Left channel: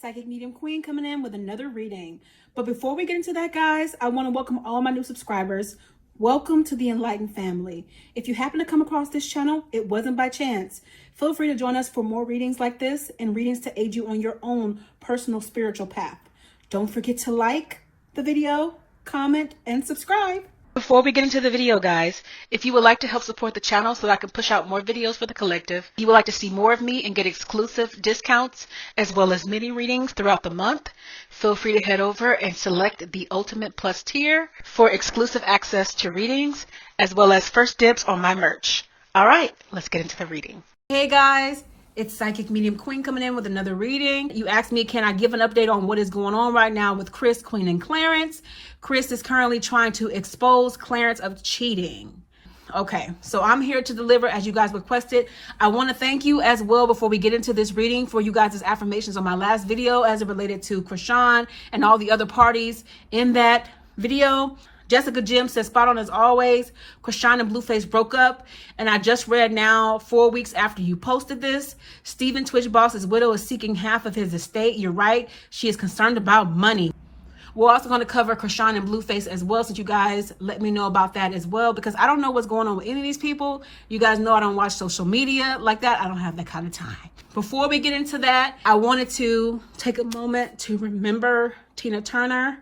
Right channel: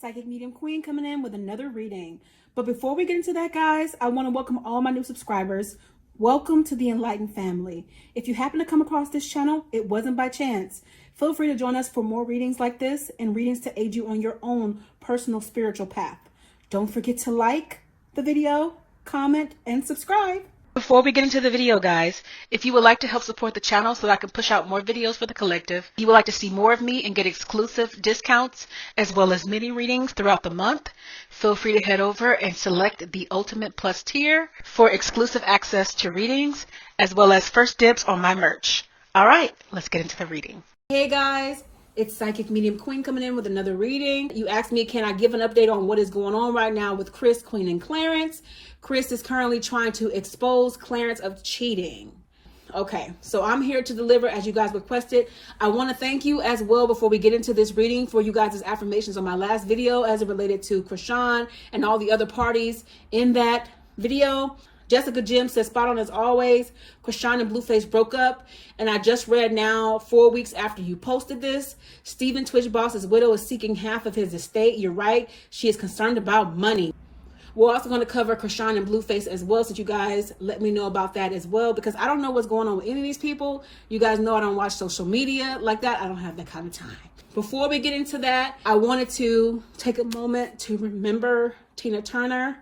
Psychic Medium Queen coming in with another reading. But before we get into that, guys, I want to welcome all my new subscribers. Welcome to the Enlightened family. If you happen to come across this channel, it wasn't by chance. Feel free to join us for more readings like this and readings to aid you on your own personal spiritual path. Don't forget to like the video, comment, and subscribe. Before we get into the video, guys, if you would like to help support the channel so that I can push out more videos for the collective, you would like to see more of me and get exclusive discounts as well as mini readings throughout the month, feel free to head over and select the Ultimate Plus tier for exclusive access to readings as well as first dibs on my merch. All right, let's get into the reading. Hey guys, it's Psychic Medium Queen coming in with another reading. You asked me, can I give an update on what is going on right now with Chris, Queen, and Clarence? Chris is currently trying to expose Clarence of cheating. Okay, so I'm here to deliver as you guys requested. I want to thank you as well before we get into this reading for you guys' affirmations on my last video as it related to Chrisean and all the other parties in that video. Jessica Jim says, spot on as always. Chrisean and Blueface broke up. And I just read now, 4 weeks after you posted this, Stephen Twitch Boss's widow is seeking half of his estate. You're right. She is concerned about money. We're also going to cover Chrisean and Blueface as well, since you guys let me know about that as well, because I don't know what's going on with any of these people. You guys know I don't watch social media like that. I don't have that kind of time. Before we get into that, I wanted to take a moment to remember Tina Turner.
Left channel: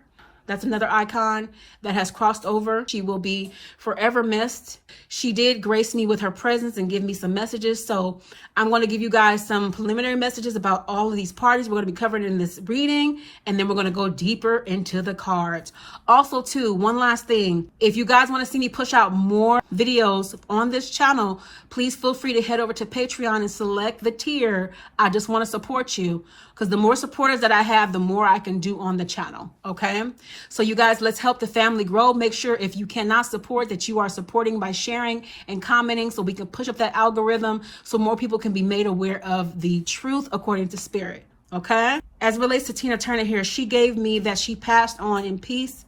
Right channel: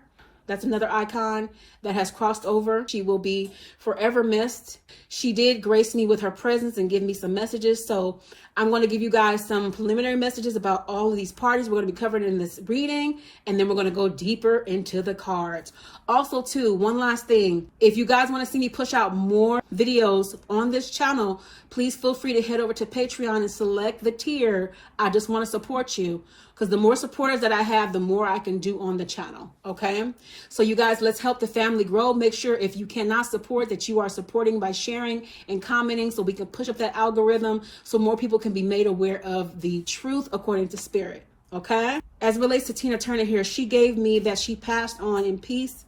That's another icon that has crossed over. She will be forever missed. She did grace me with her presence and give me some messages. So I'm going to give you guys some preliminary messages about all of these parties. We're going to be covered in this reading, and then we're going to go deeper into the cards. Also, too, one last thing. If you guys want to see me push out more videos on this channel, please feel free to head over to Patreon and select the tier. I just want to support you, because the more supporters that I have, the more I can do on the channel, okay? So you guys, let's help the family grow. Make sure if you cannot support, that you are supporting by sharing and commenting, so we can push up that algorithm so more people can be made aware of the truth according to spirit, okay? As it relates to Tina Turner here, she gave me that she passed on in peace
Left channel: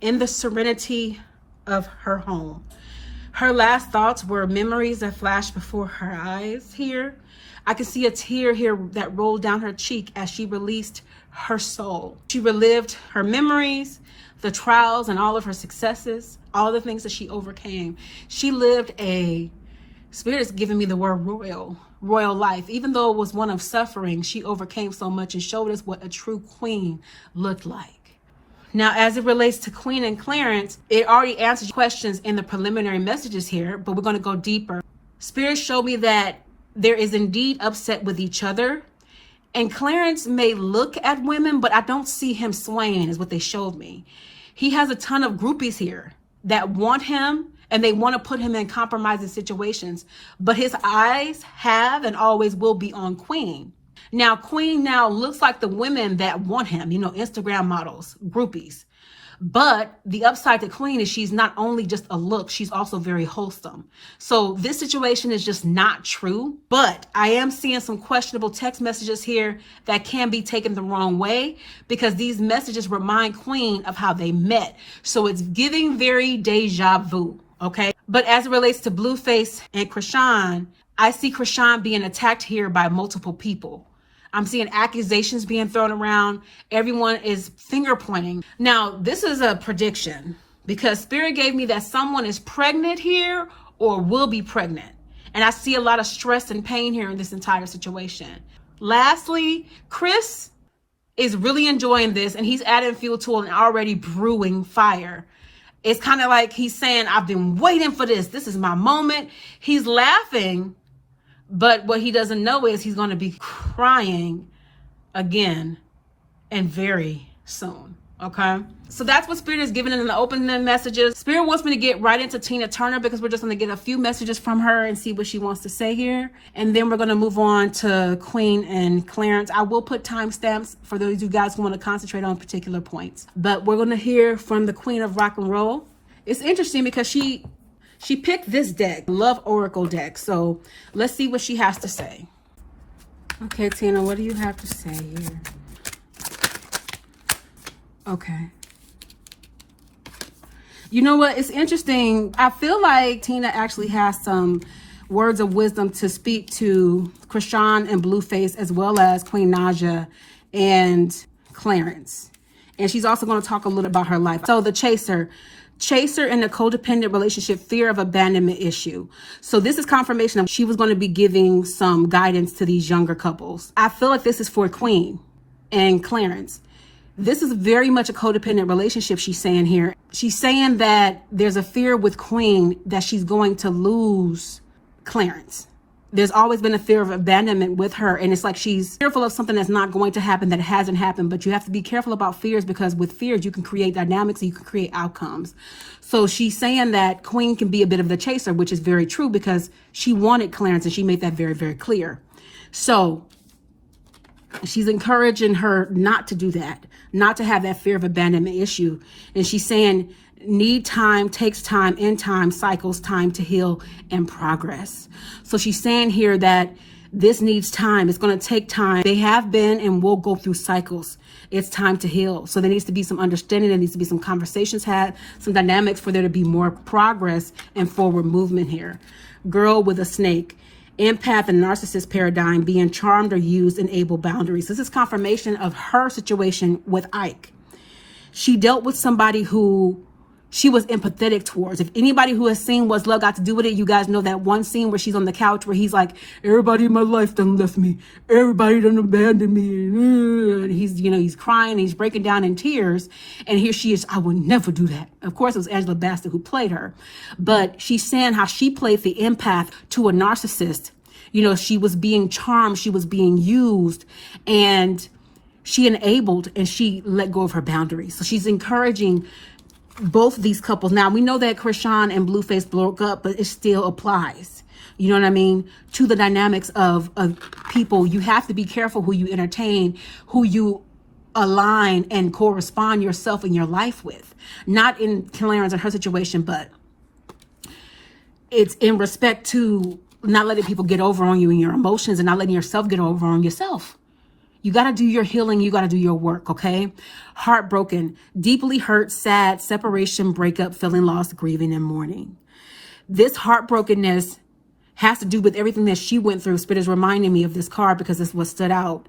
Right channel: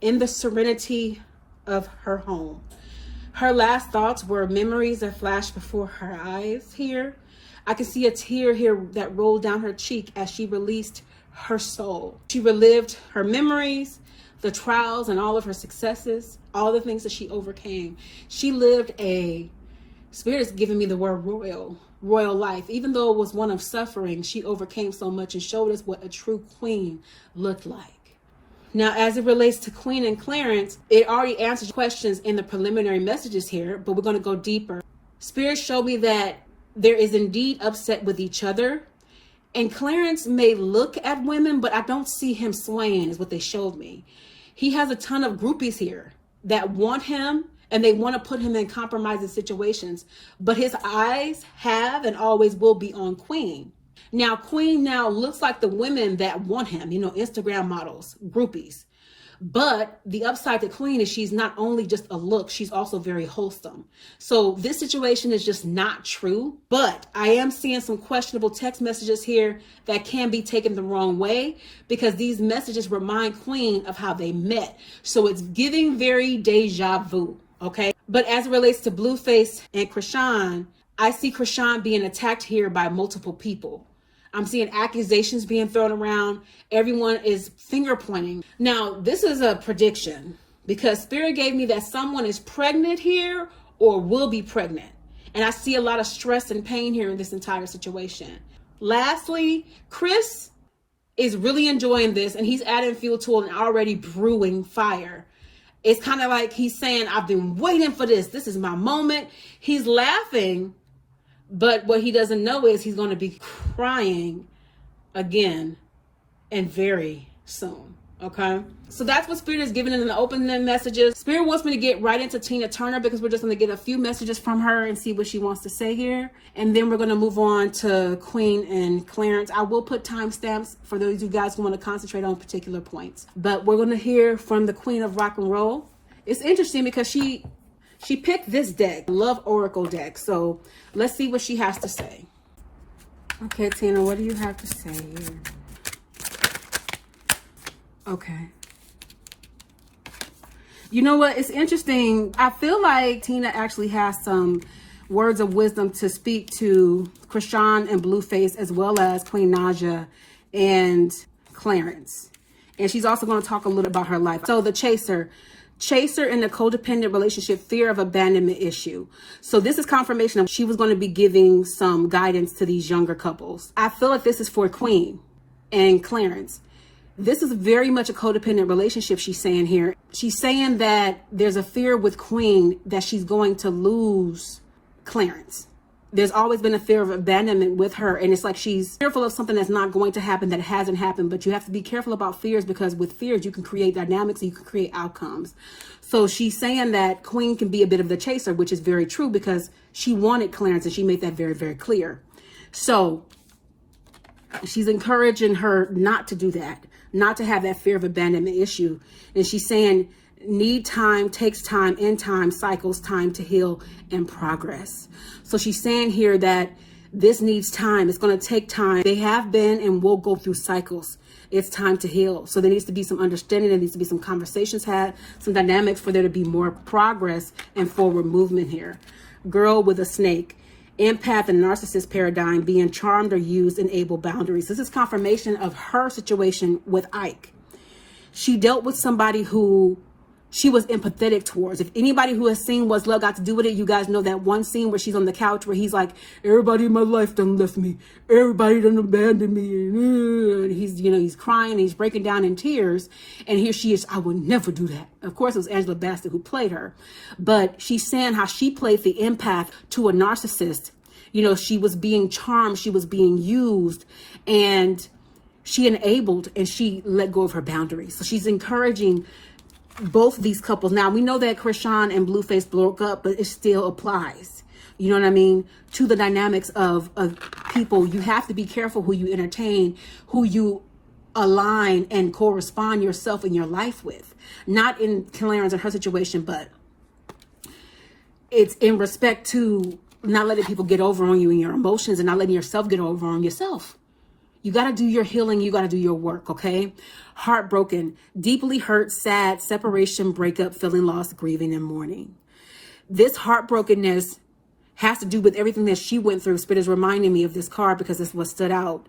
in the serenity of her home. Her last thoughts were memories that flashed before her eyes here. I can see a tear here that rolled down her cheek as she released her soul. She relived her memories, the trials and all of her successes, all the things that she overcame. She lived a, Spirit is giving me the word royal life. Even though it was one of suffering, she overcame so much and showed us what a true queen looked like. Now, as it relates to Queen and Clarence, it already answers questions in the preliminary messages here, but we're going to go deeper. Spirit showed me that there is indeed upset with each other, and Clarence may look at women, but I don't see him swaying is what they showed me. He has a ton of groupies here that want him, and they want to put him in compromising situations, but his eyes have and always will be on Queen. Now, Queen now looks like the women that want him, you know, Instagram models, groupies. But the upside to Queen is she's not only just a look, she's also very wholesome. So this situation is just not true, but I am seeing some questionable text messages here that can be taken the wrong way, because these messages remind Queen of how they met. So it's giving very deja vu, okay? But as it relates to Blueface and Chrisean, I see Chrisean being attacked here by multiple people. I'm seeing accusations being thrown around. Everyone is finger pointing. Now, this is a prediction, because Spirit gave me that someone is pregnant here or will be pregnant. And I see a lot of stress and pain here in this entire situation. Lastly, Chris is really enjoying this, and he's adding fuel to an already brewing fire. It's kind of like he's saying, I've been waiting for this. This is my moment. He's laughing. But what he doesn't know is he's going to be crying again and very soon, okay? So that's what Spirit is giving in the opening messages. Spirit wants me to get right into Tina Turner, because we're just going to get a few messages from her and see what she wants to say here. And then we're going to move on to Queen and Clarence. I will put timestamps for those of you guys who want to concentrate on particular points. But we're going to hear from the Queen of Rock and Roll. It's interesting because she picked this deck, Love Oracle deck. So let's see what she has to say. Okay, Tina, what do you have to say here? Okay. You know what? It's interesting. I feel like Tina actually has some words of wisdom to speak to Chrisean and Blueface, as well as Queen Naja and Clarence. And she's also going to talk a little about her life. So the chaser in a codependent relationship, fear of abandonment issue. So this is confirmation of she was going to be giving some guidance to these younger couples. I feel like this is for Queen and Clarence. This is very much a codependent relationship, she's saying here. She's saying that there's a fear with Queen that she's going to lose Clarence. There's always been a fear of abandonment with her, and it's like she's fearful of something that's not going to happen, that hasn't happened. But you have to be careful about fears, because with fears you can create dynamics, you can create outcomes. So she's saying that Queen can be a bit of the chaser, which is very true, because she wanted Clarence and she made that very, very clear. So she's encouraging her not to do that, not to have that fear of abandonment issue. And she's saying need time, takes time, in time, cycles time to heal and progress. So she's saying here that this needs time. It's going to take time. They have been and will go through cycles. It's time to heal. So there needs to be some understanding. There needs to be some conversations had, some dynamics for there to be more progress and forward movement here. Girl with a snake. Empath and narcissist paradigm, being charmed or used, enable boundaries. This is confirmation of her situation with Ike. She dealt with somebody who she was empathetic towards. If anybody who has seen What's Love Got to Do With It, you guys know that one scene where she's on the couch where he's like, everybody in my life done left me. Everybody done abandoned me. And he's crying, he's breaking down in tears. And here she is, I would never do that. Of course, it was Angela Bassett who played her. But she's saying how she played the empath to a narcissist. She was being charmed, she was being used, and she enabled and she let go of her boundaries. So she's encouraging both these couples. Now, we know that Chrisean and Blueface broke up, but it still applies. You know what I mean? To the dynamics of people. You have to be careful who you entertain, who you align and correspond yourself in your life with. Not in Clarence and her situation, but it's in respect to not letting people get over on you and your emotions, and not letting yourself get over on yourself. You got to do your healing. You got to do your work, okay? Heartbroken, deeply hurt, sad, separation, breakup, feeling lost, grieving, and mourning. This heartbrokenness has to do with everything that she went through. Spirit is reminding me of this card because it's what stood out.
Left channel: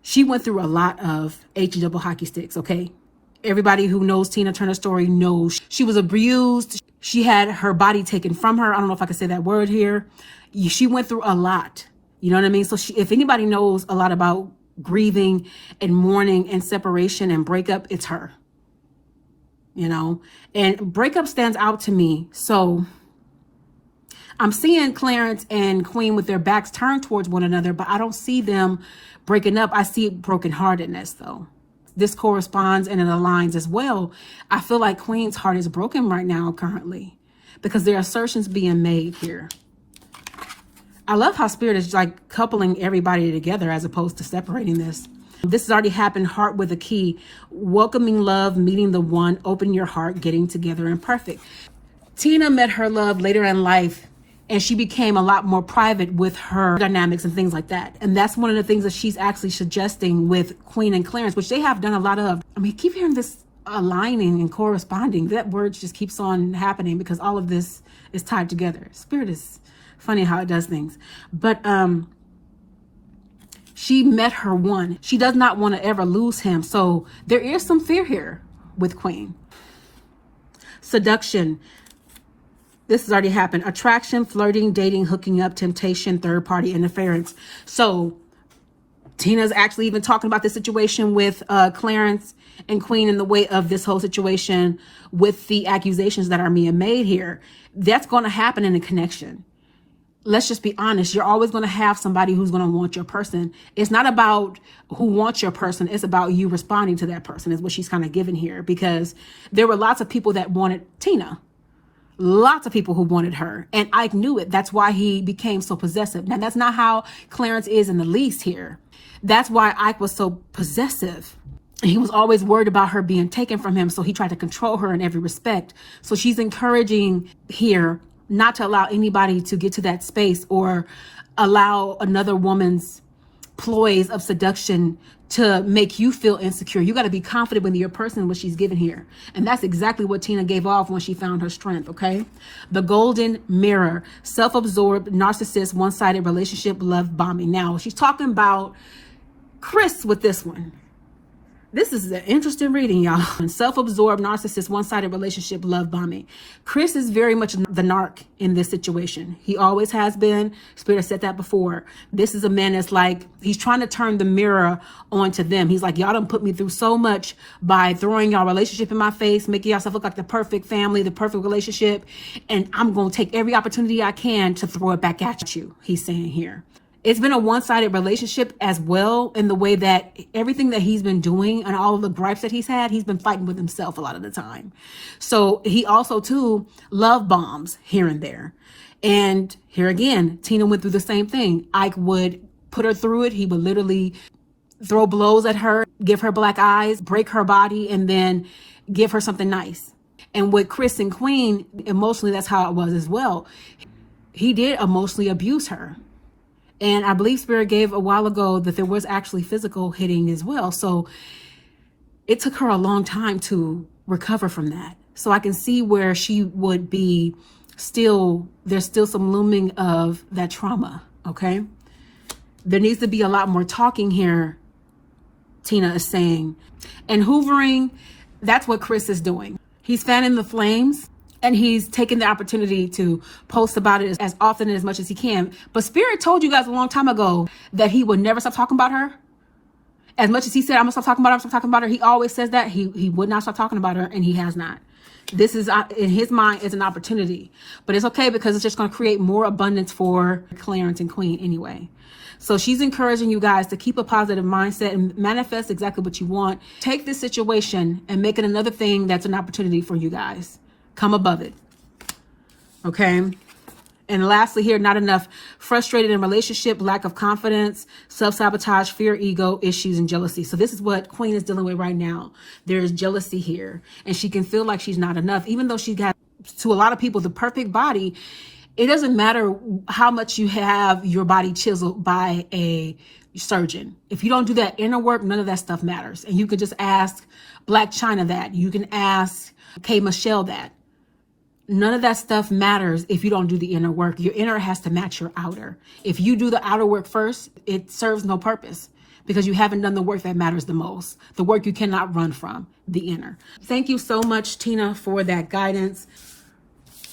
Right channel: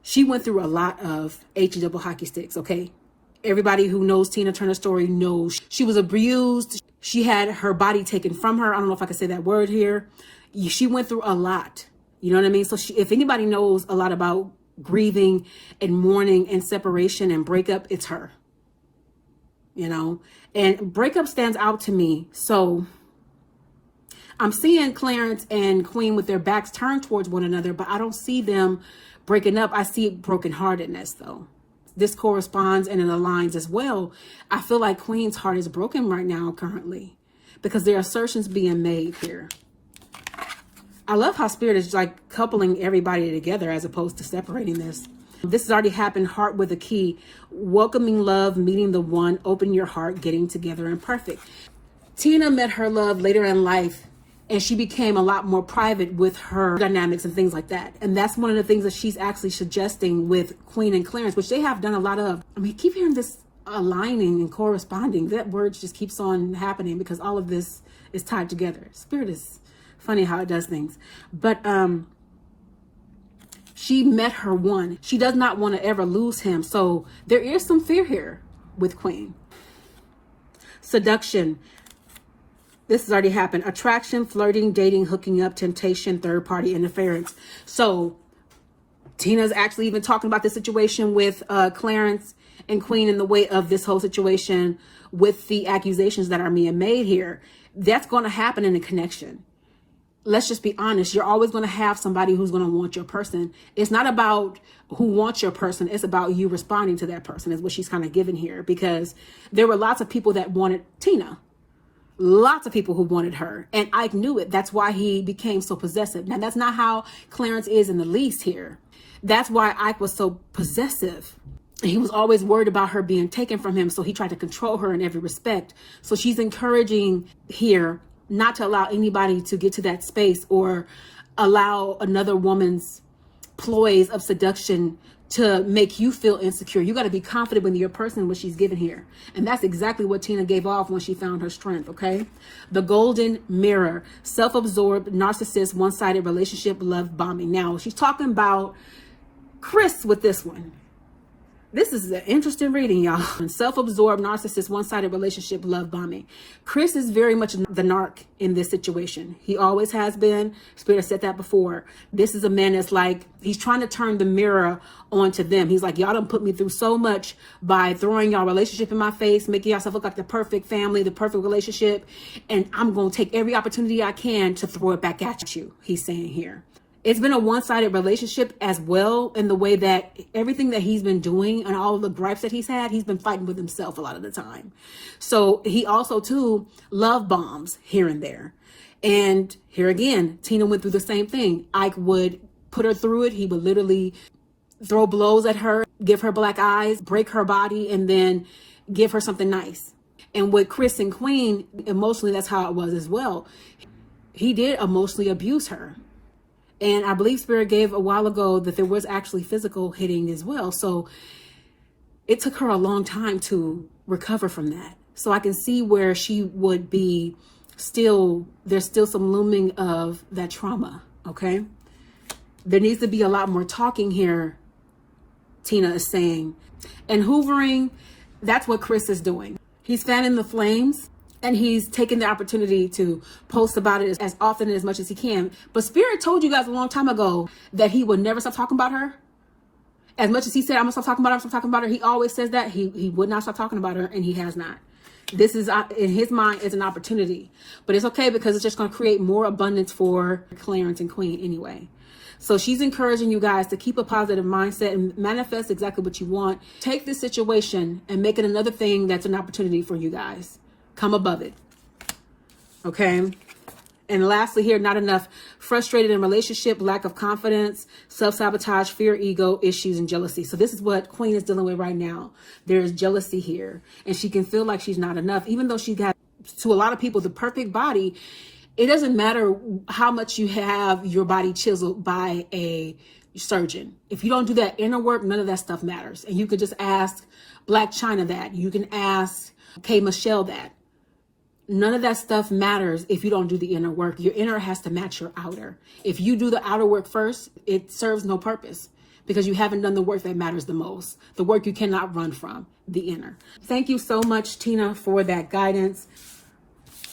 She went through a lot of H-double hockey sticks, okay? Everybody who knows Tina Turner's story knows she was abused. She had her body taken from her. I don't know if I can say that word here. She went through a lot. You know what I mean? So if anybody knows a lot about grieving and mourning and separation and breakup, it's her. And breakup stands out to me. So I'm seeing Clarence and Queen with their backs turned towards one another, but I don't see them breaking up. I see brokenheartedness, though. This corresponds and it aligns as well. I feel like Queen's heart is broken right now currently, because there are assertions being made here. I love how Spirit is like coupling everybody together as opposed to separating this. This has already happened. Heart with a key. Welcoming love, meeting the one, open your heart, getting together and perfect. Tina met her love later in life, and she became a lot more private with her dynamics and things like that. And that's one of the things that she's actually suggesting with Queen and Clarence, which they have done a lot of. I mean, keep hearing this aligning and corresponding. That word just keeps on happening because all of this is tied together. Spirit is funny how it does things. But she met her one. She does not want to ever lose him. So there is some fear here with Queen. Seduction. This has already happened. Attraction, flirting, dating, hooking up, temptation, third party interference. So Tina's actually even talking about this situation with Clarence and Queen in the way of this whole situation with the accusations that are being made here. That's going to happen in a connection. Let's just be honest. You're always going to have somebody who's going to want your person. It's not about who wants your person. It's about you responding to that person, is what she's kind of giving here, because there were lots of people that wanted Tina. Lots of people who wanted her, and Ike knew it. That's why he became so possessive. Now, that's not how Clarence is in the least here. That's why Ike was so possessive. He was always worried about her being taken from him, so he tried to control her in every respect. So she's encouraging here not to allow anybody to get to that space or allow another woman's ploys of seduction to make you feel insecure. You got to be confident with your person, what she's given here. And that's exactly what Tina gave off when she found her strength, okay? The golden mirror, self-absorbed, narcissist, one-sided relationship, love bombing. Now, she's talking about Chris with this one. This is an interesting reading, y'all. Self-absorbed, narcissist, one-sided relationship, love bombing. Chris is very much the narc in this situation. He always has been. Spirit said that before. This is a man that's like, he's trying to turn the mirror onto them. He's like, y'all done put me through so much by throwing y'all relationship in my face, making yourself look like the perfect family, the perfect relationship. And I'm going to take every opportunity I can to throw it back at you, he's saying here. It's been a one-sided relationship as well, in the way that everything that he's been doing and all of the gripes that he's had, he's been fighting with himself a lot of the time. So he also too love bombs here and there. And here again, Tina went through the same thing. Ike would put her through it. He would literally throw blows at her, give her black eyes, break her body, and then give her something nice. And with Chris and Queen, emotionally, that's how it was as well. He did emotionally abuse her. And I believe Spirit gave a while ago that there was actually physical hitting as well. So it took her a long time to recover from that. So I can see where she would be still, there's still some looming of that trauma, okay? There needs to be a lot more talking here, Tina is saying. And hoovering, that's what Chris is doing. He's fanning the flames. And he's taking the opportunity to post about it as often and as much as he can. But Spirit told you guys a long time ago that he would never stop talking about her. As much as he said, I'm gonna stop talking about her, I'm stop talking about her, he always says that. He would not stop talking about her, and he has not. This is, in his mind, is an opportunity. But it's okay, because it's just gonna create more abundance for Clarence and Queen anyway. So she's encouraging you guys to keep a positive mindset and manifest exactly what you want. Take this situation and make it another thing that's an opportunity for you guys. Come above it. Okay. And lastly here, not enough. Frustrated in relationship, lack of confidence, self-sabotage, fear, ego, issues, and jealousy. So this is what Queen is dealing with right now. There's jealousy here. And she can feel like she's not enough. Even though she got, to a lot of people, the perfect body, it doesn't matter how much you have your body chiseled by a surgeon. If you don't do that inner work, none of that stuff matters. And you can just ask Black China that. You can ask K. Michelle that. None of that stuff matters if you don't do the inner work. Your inner has to match your outer. If you do the outer work first, it serves no purpose, because you haven't done the work that matters the most, the work you cannot run from, the inner. Thank you so much, Tina, for that guidance.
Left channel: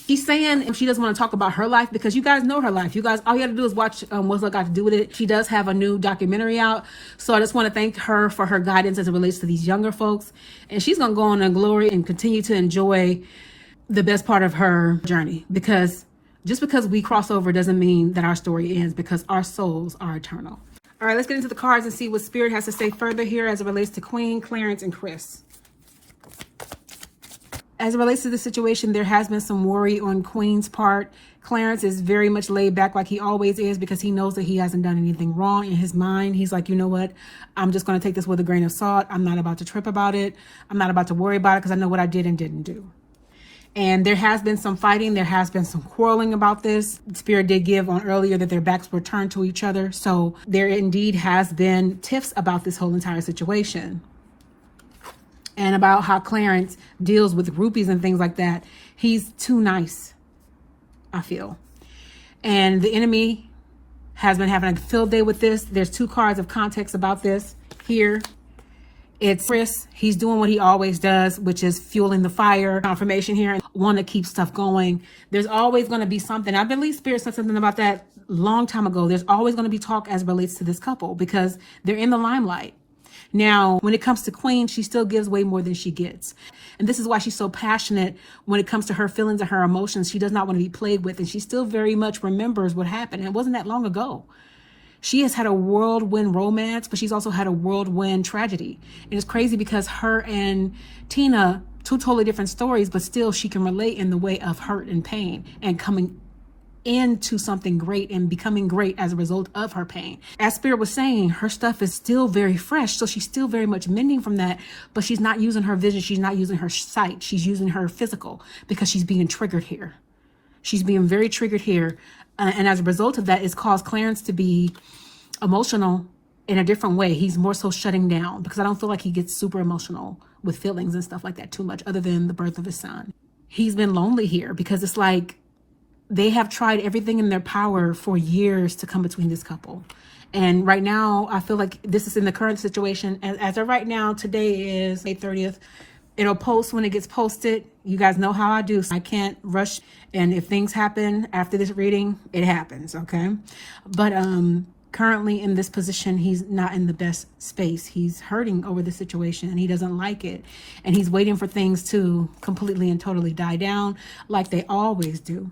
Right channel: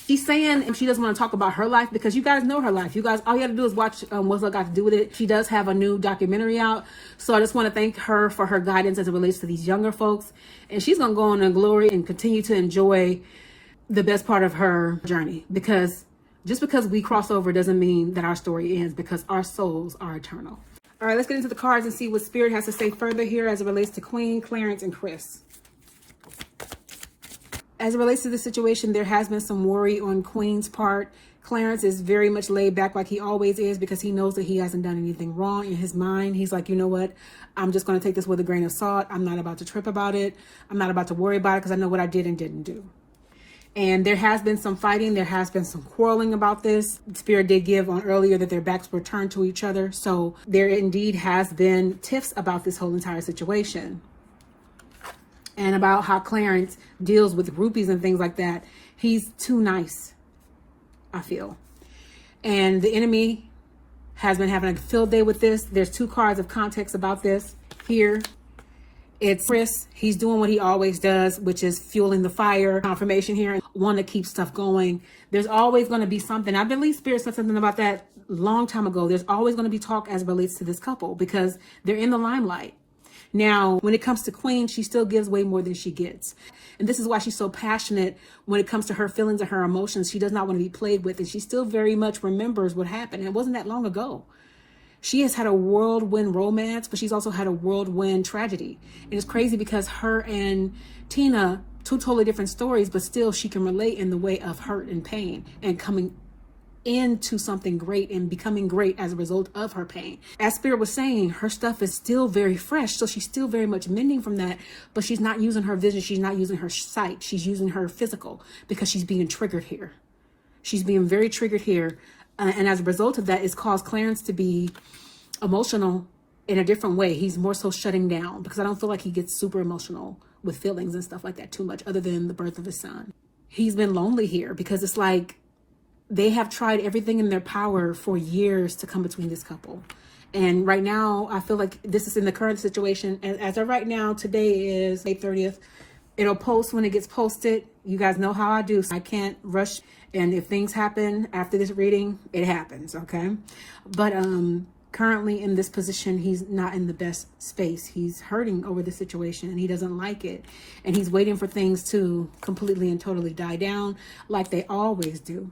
She's saying she doesn't want to talk about her life because you guys know her life. You guys, all you have to do is watch What's Love Got to Do with It. She does have a new documentary out. So I just want to thank her for her guidance as it relates to these younger folks. And she's going to go on in glory and continue to enjoy the best part of her journey, because just because we cross over doesn't mean that our story ends, because our souls are eternal. All right, let's get into the cards and see what Spirit has to say further here as it relates to Queen, Clarence, and Chris. As it relates to the situation, there has been some worry on Queen's part. Clarence is very much laid back like he always is, because he knows that he hasn't done anything wrong. In his mind, he's like, you know what? I'm just going to take this with a grain of salt. I'm not about to trip about it. I'm not about to worry about it, because I know what I did and didn't do. And there has been some fighting. There has been some quarreling about this. Spirit did give on earlier that their backs were turned to each other. So there indeed has been tiffs about this whole entire situation. And about how Clarence deals with groupies and things like that. He's too nice, I feel. And the enemy has been having a field day with this. There's two cards of context about this here. It's Chris. He's doing what he always does, which is fueling the fire. Confirmation here. Want to keep stuff going. There's always going to be something. I believe Spirit said something about that a long time ago. There's always going to be talk as it relates to this couple, because they're in the limelight. Now, when it comes to Queen, she still gives way more than she gets. And this is why she's so passionate when it comes to her feelings and her emotions. She does not want to be played with. And she still very much remembers what happened. And it wasn't that long ago. She has had a whirlwind romance, but she's also had a whirlwind tragedy. And it's crazy because her and Tina, two totally different stories, but still she can relate in the way of hurt and pain and coming into something great and becoming great as a result of her pain. As Spirit was saying, her stuff is still very fresh, so she's still very much mending from that, but she's not using her vision, she's not using her sight, she's using her physical, because she's being triggered here. She's being very triggered here. And as a result of that, it's caused Clarence to be emotional in a different way. He's more so shutting down, because I don't feel like he gets super emotional with feelings and stuff like that too much, other than the birth of his son. He's been lonely here, because it's like They have tried everything in their power for years to come between this couple. And right now, I feel like this is in the current situation. And as of right now, today is May 30th. It'll post when it gets posted. You guys know how I do. So I can't rush. And if things happen after this reading, it happens, okay? But currently in this position, he's not in the best space. He's hurting over the situation and he doesn't like it. And he's waiting for things to completely and totally die down like they always do.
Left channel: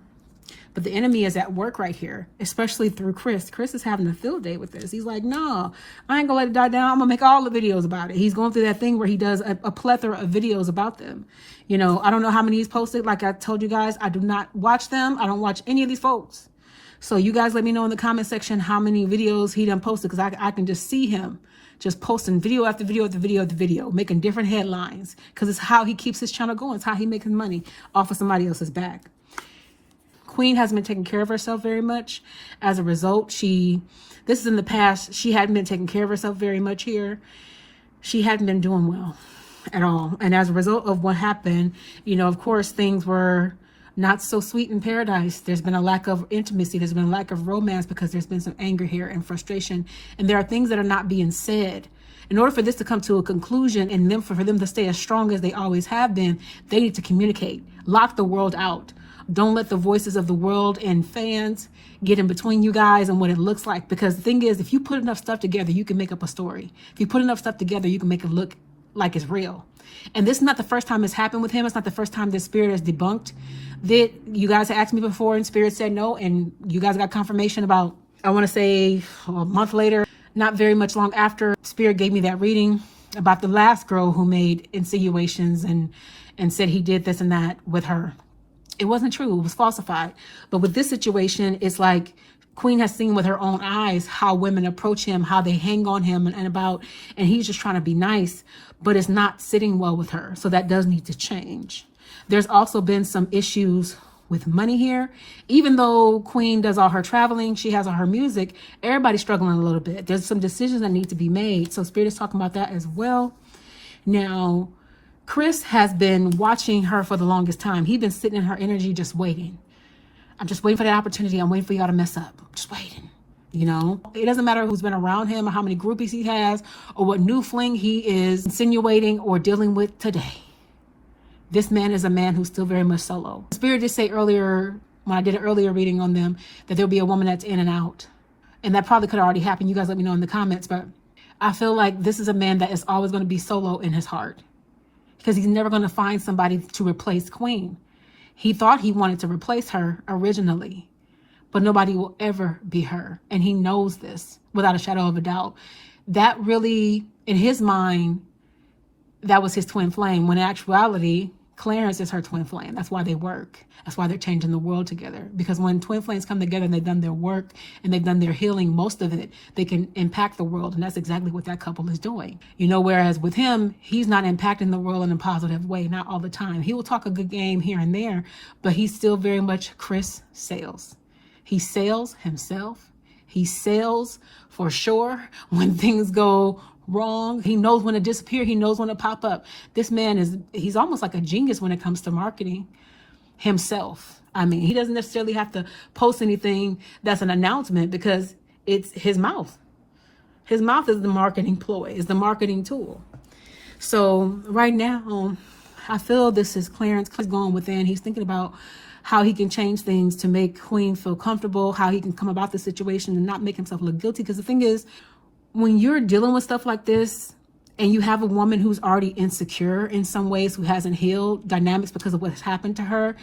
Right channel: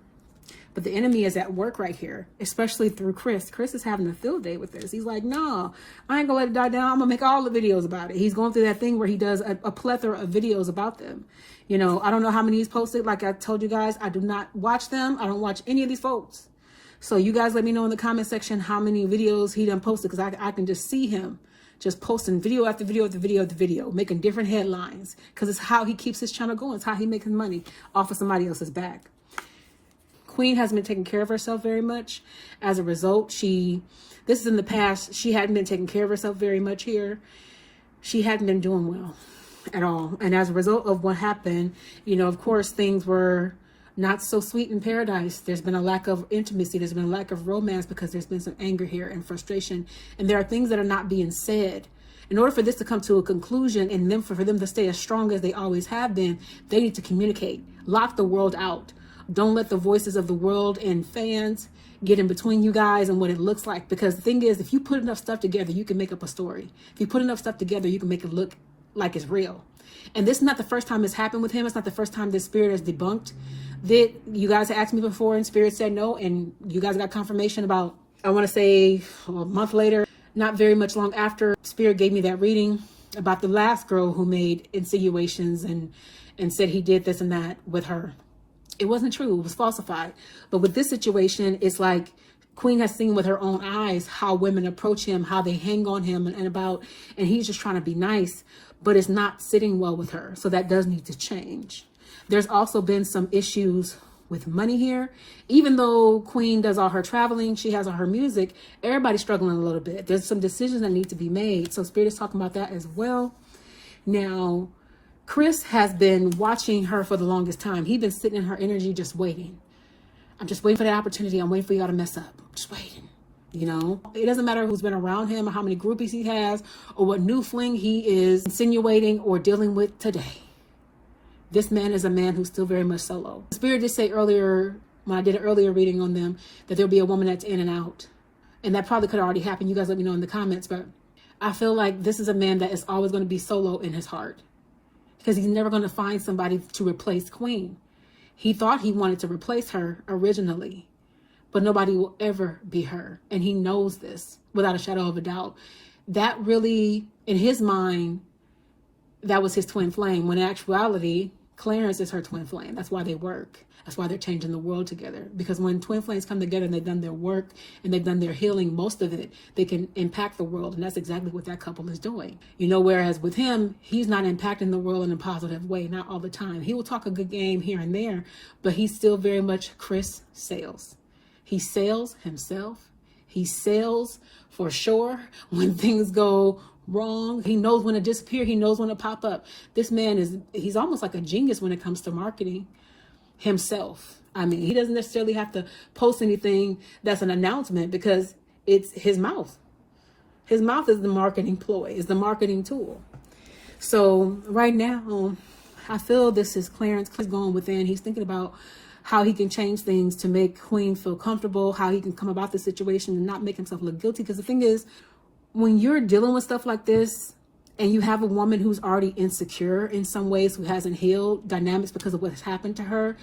But the enemy is at work right here, especially through Chris. Chris is having a field day with this. He's like, no, I ain't gonna let it die down. I'm gonna make all the videos about it. He's going through that thing where he does a plethora of videos about them. You know, I don't know how many he's posted. Like I told you guys, I do not watch them. I don't watch any of these folks. So you guys let me know in the comment section how many videos he done posted, because I can just see him just posting video after video after video after video, making different headlines, because it's how he keeps his channel going. It's how he makes his money off of somebody else's back. Queen hasn't been taking care of herself very much. As a result, this is in the past, she hadn't been taking care of herself very much here. She hadn't been doing well at all. And as a result of what happened, you know, of course, things were not so sweet in paradise. There's been a lack of intimacy. There's been a lack of romance because there's been some anger here and frustration. And there are things that are not being said. In order for this to come to a conclusion and then for them to stay as strong as they always have been, they need to communicate, lock the world out. Don't let the voices of the world and fans get in between you guys and what it looks like. Because the thing is, if you put enough stuff together, you can make up a story. If you put enough stuff together, you can make it look like it's real. And this is not the first time it's happened with him. It's not the first time this spirit has debunked. That you guys asked me before and spirit said no. And you guys got confirmation about, I want to say a month later, not very much long after, spirit gave me that reading about the last girl who made insinuations and said he did this and that with her. It wasn't true. It was falsified. But with this situation, it's like Queen has seen with her own eyes how women approach him, how they hang on him and he's just trying to be nice, but it's not sitting well with her. So that does need to change. There's also been some issues with money here. Even though Queen does all her traveling, she has all her music, everybody's struggling a little bit. There's some decisions that need to be made. So Spirit is talking about that as well. Now, Chris has been watching her for the longest time. He's been sitting in her energy just waiting. I'm just waiting for that opportunity. I'm waiting for y'all to mess up. I'm just waiting, you know? It doesn't matter who's been around him or how many groupies he has or what new fling he is insinuating or dealing with today. This man is a man who's still very much solo. Spirit did say earlier, when I did an earlier reading on them, that there'll be a woman that's in and out. And that probably could have already happened. You guys let me know in the comments. But I feel like this is a man that is always going to be solo in his heart, because he's never going to find somebody to replace Queen. He thought he wanted to replace her originally, but nobody will ever be her. And he knows this without a shadow of a doubt. That really, in his mind, that was his twin flame, when in actuality, Clarence is her twin flame. That's why they work. That's why they're changing the world together. Because when twin flames come together and they've done their work and they've done their healing, most of it, they can impact the world. And that's exactly what that couple is doing. You know, whereas with him, he's not impacting the world in a positive way, not all the time. He will talk a good game here and there, but he's still very much Chris Sales. He sells himself. He sells for sure when things go wrong. He knows when to disappear. He knows when to pop up. This man he's almost like a genius when it comes to marketing himself. I mean, he doesn't necessarily have to post anything that's an announcement, because it's his mouth. His mouth is the marketing ploy, is the marketing tool. So right now, I feel this is Clarence going within. He's thinking about how he can change things to make Queen feel comfortable, how he can come about the situation and not make himself look guilty. Because the thing is, when you're dealing with stuff like this, and you have a woman who's already insecure in some ways, who hasn't healed dynamics because of what has happened to her,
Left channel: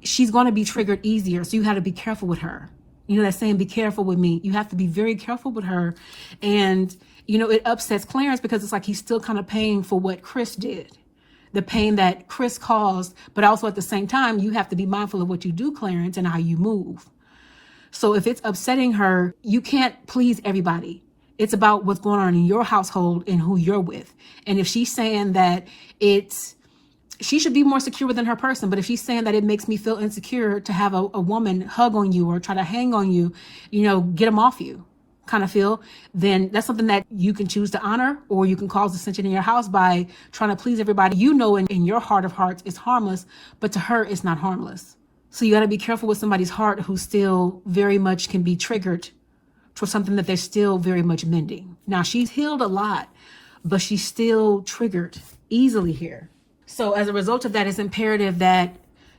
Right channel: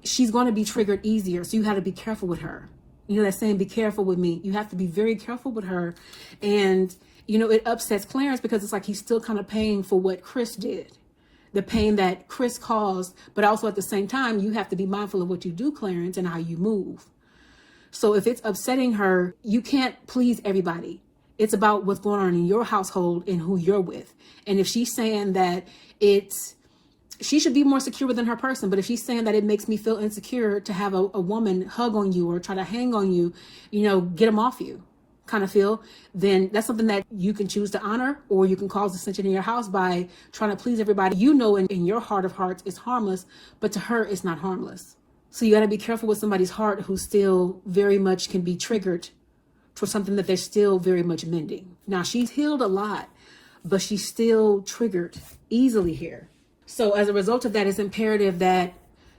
she's going to be triggered easier. So you have to be careful with her. You know that saying, be careful with me. You have to be very careful with her. And, you know, it upsets Clarence because it's like he's still kind of paying for what Chris did, the pain that Chris caused. But also at the same time, you have to be mindful of what you do, Clarence, and how you move. So if it's upsetting her, you can't please everybody. It's about what's going on in your household and who you're with. And if she's saying that she should be more secure within her person, but if she's saying that it makes me feel insecure to have a woman hug on you or try to hang on you, you know, get them off you kind of feel, then that's something that you can choose to honor, or you can cause dissension in your house by trying to please everybody. You know, in your heart of hearts, it's harmless, but to her, it's not harmless. So you got to be careful with somebody's heart who still very much can be triggered for something that they're still very much mending. Now, she's healed a lot, but she's still triggered easily here. So as a result of that, it's imperative that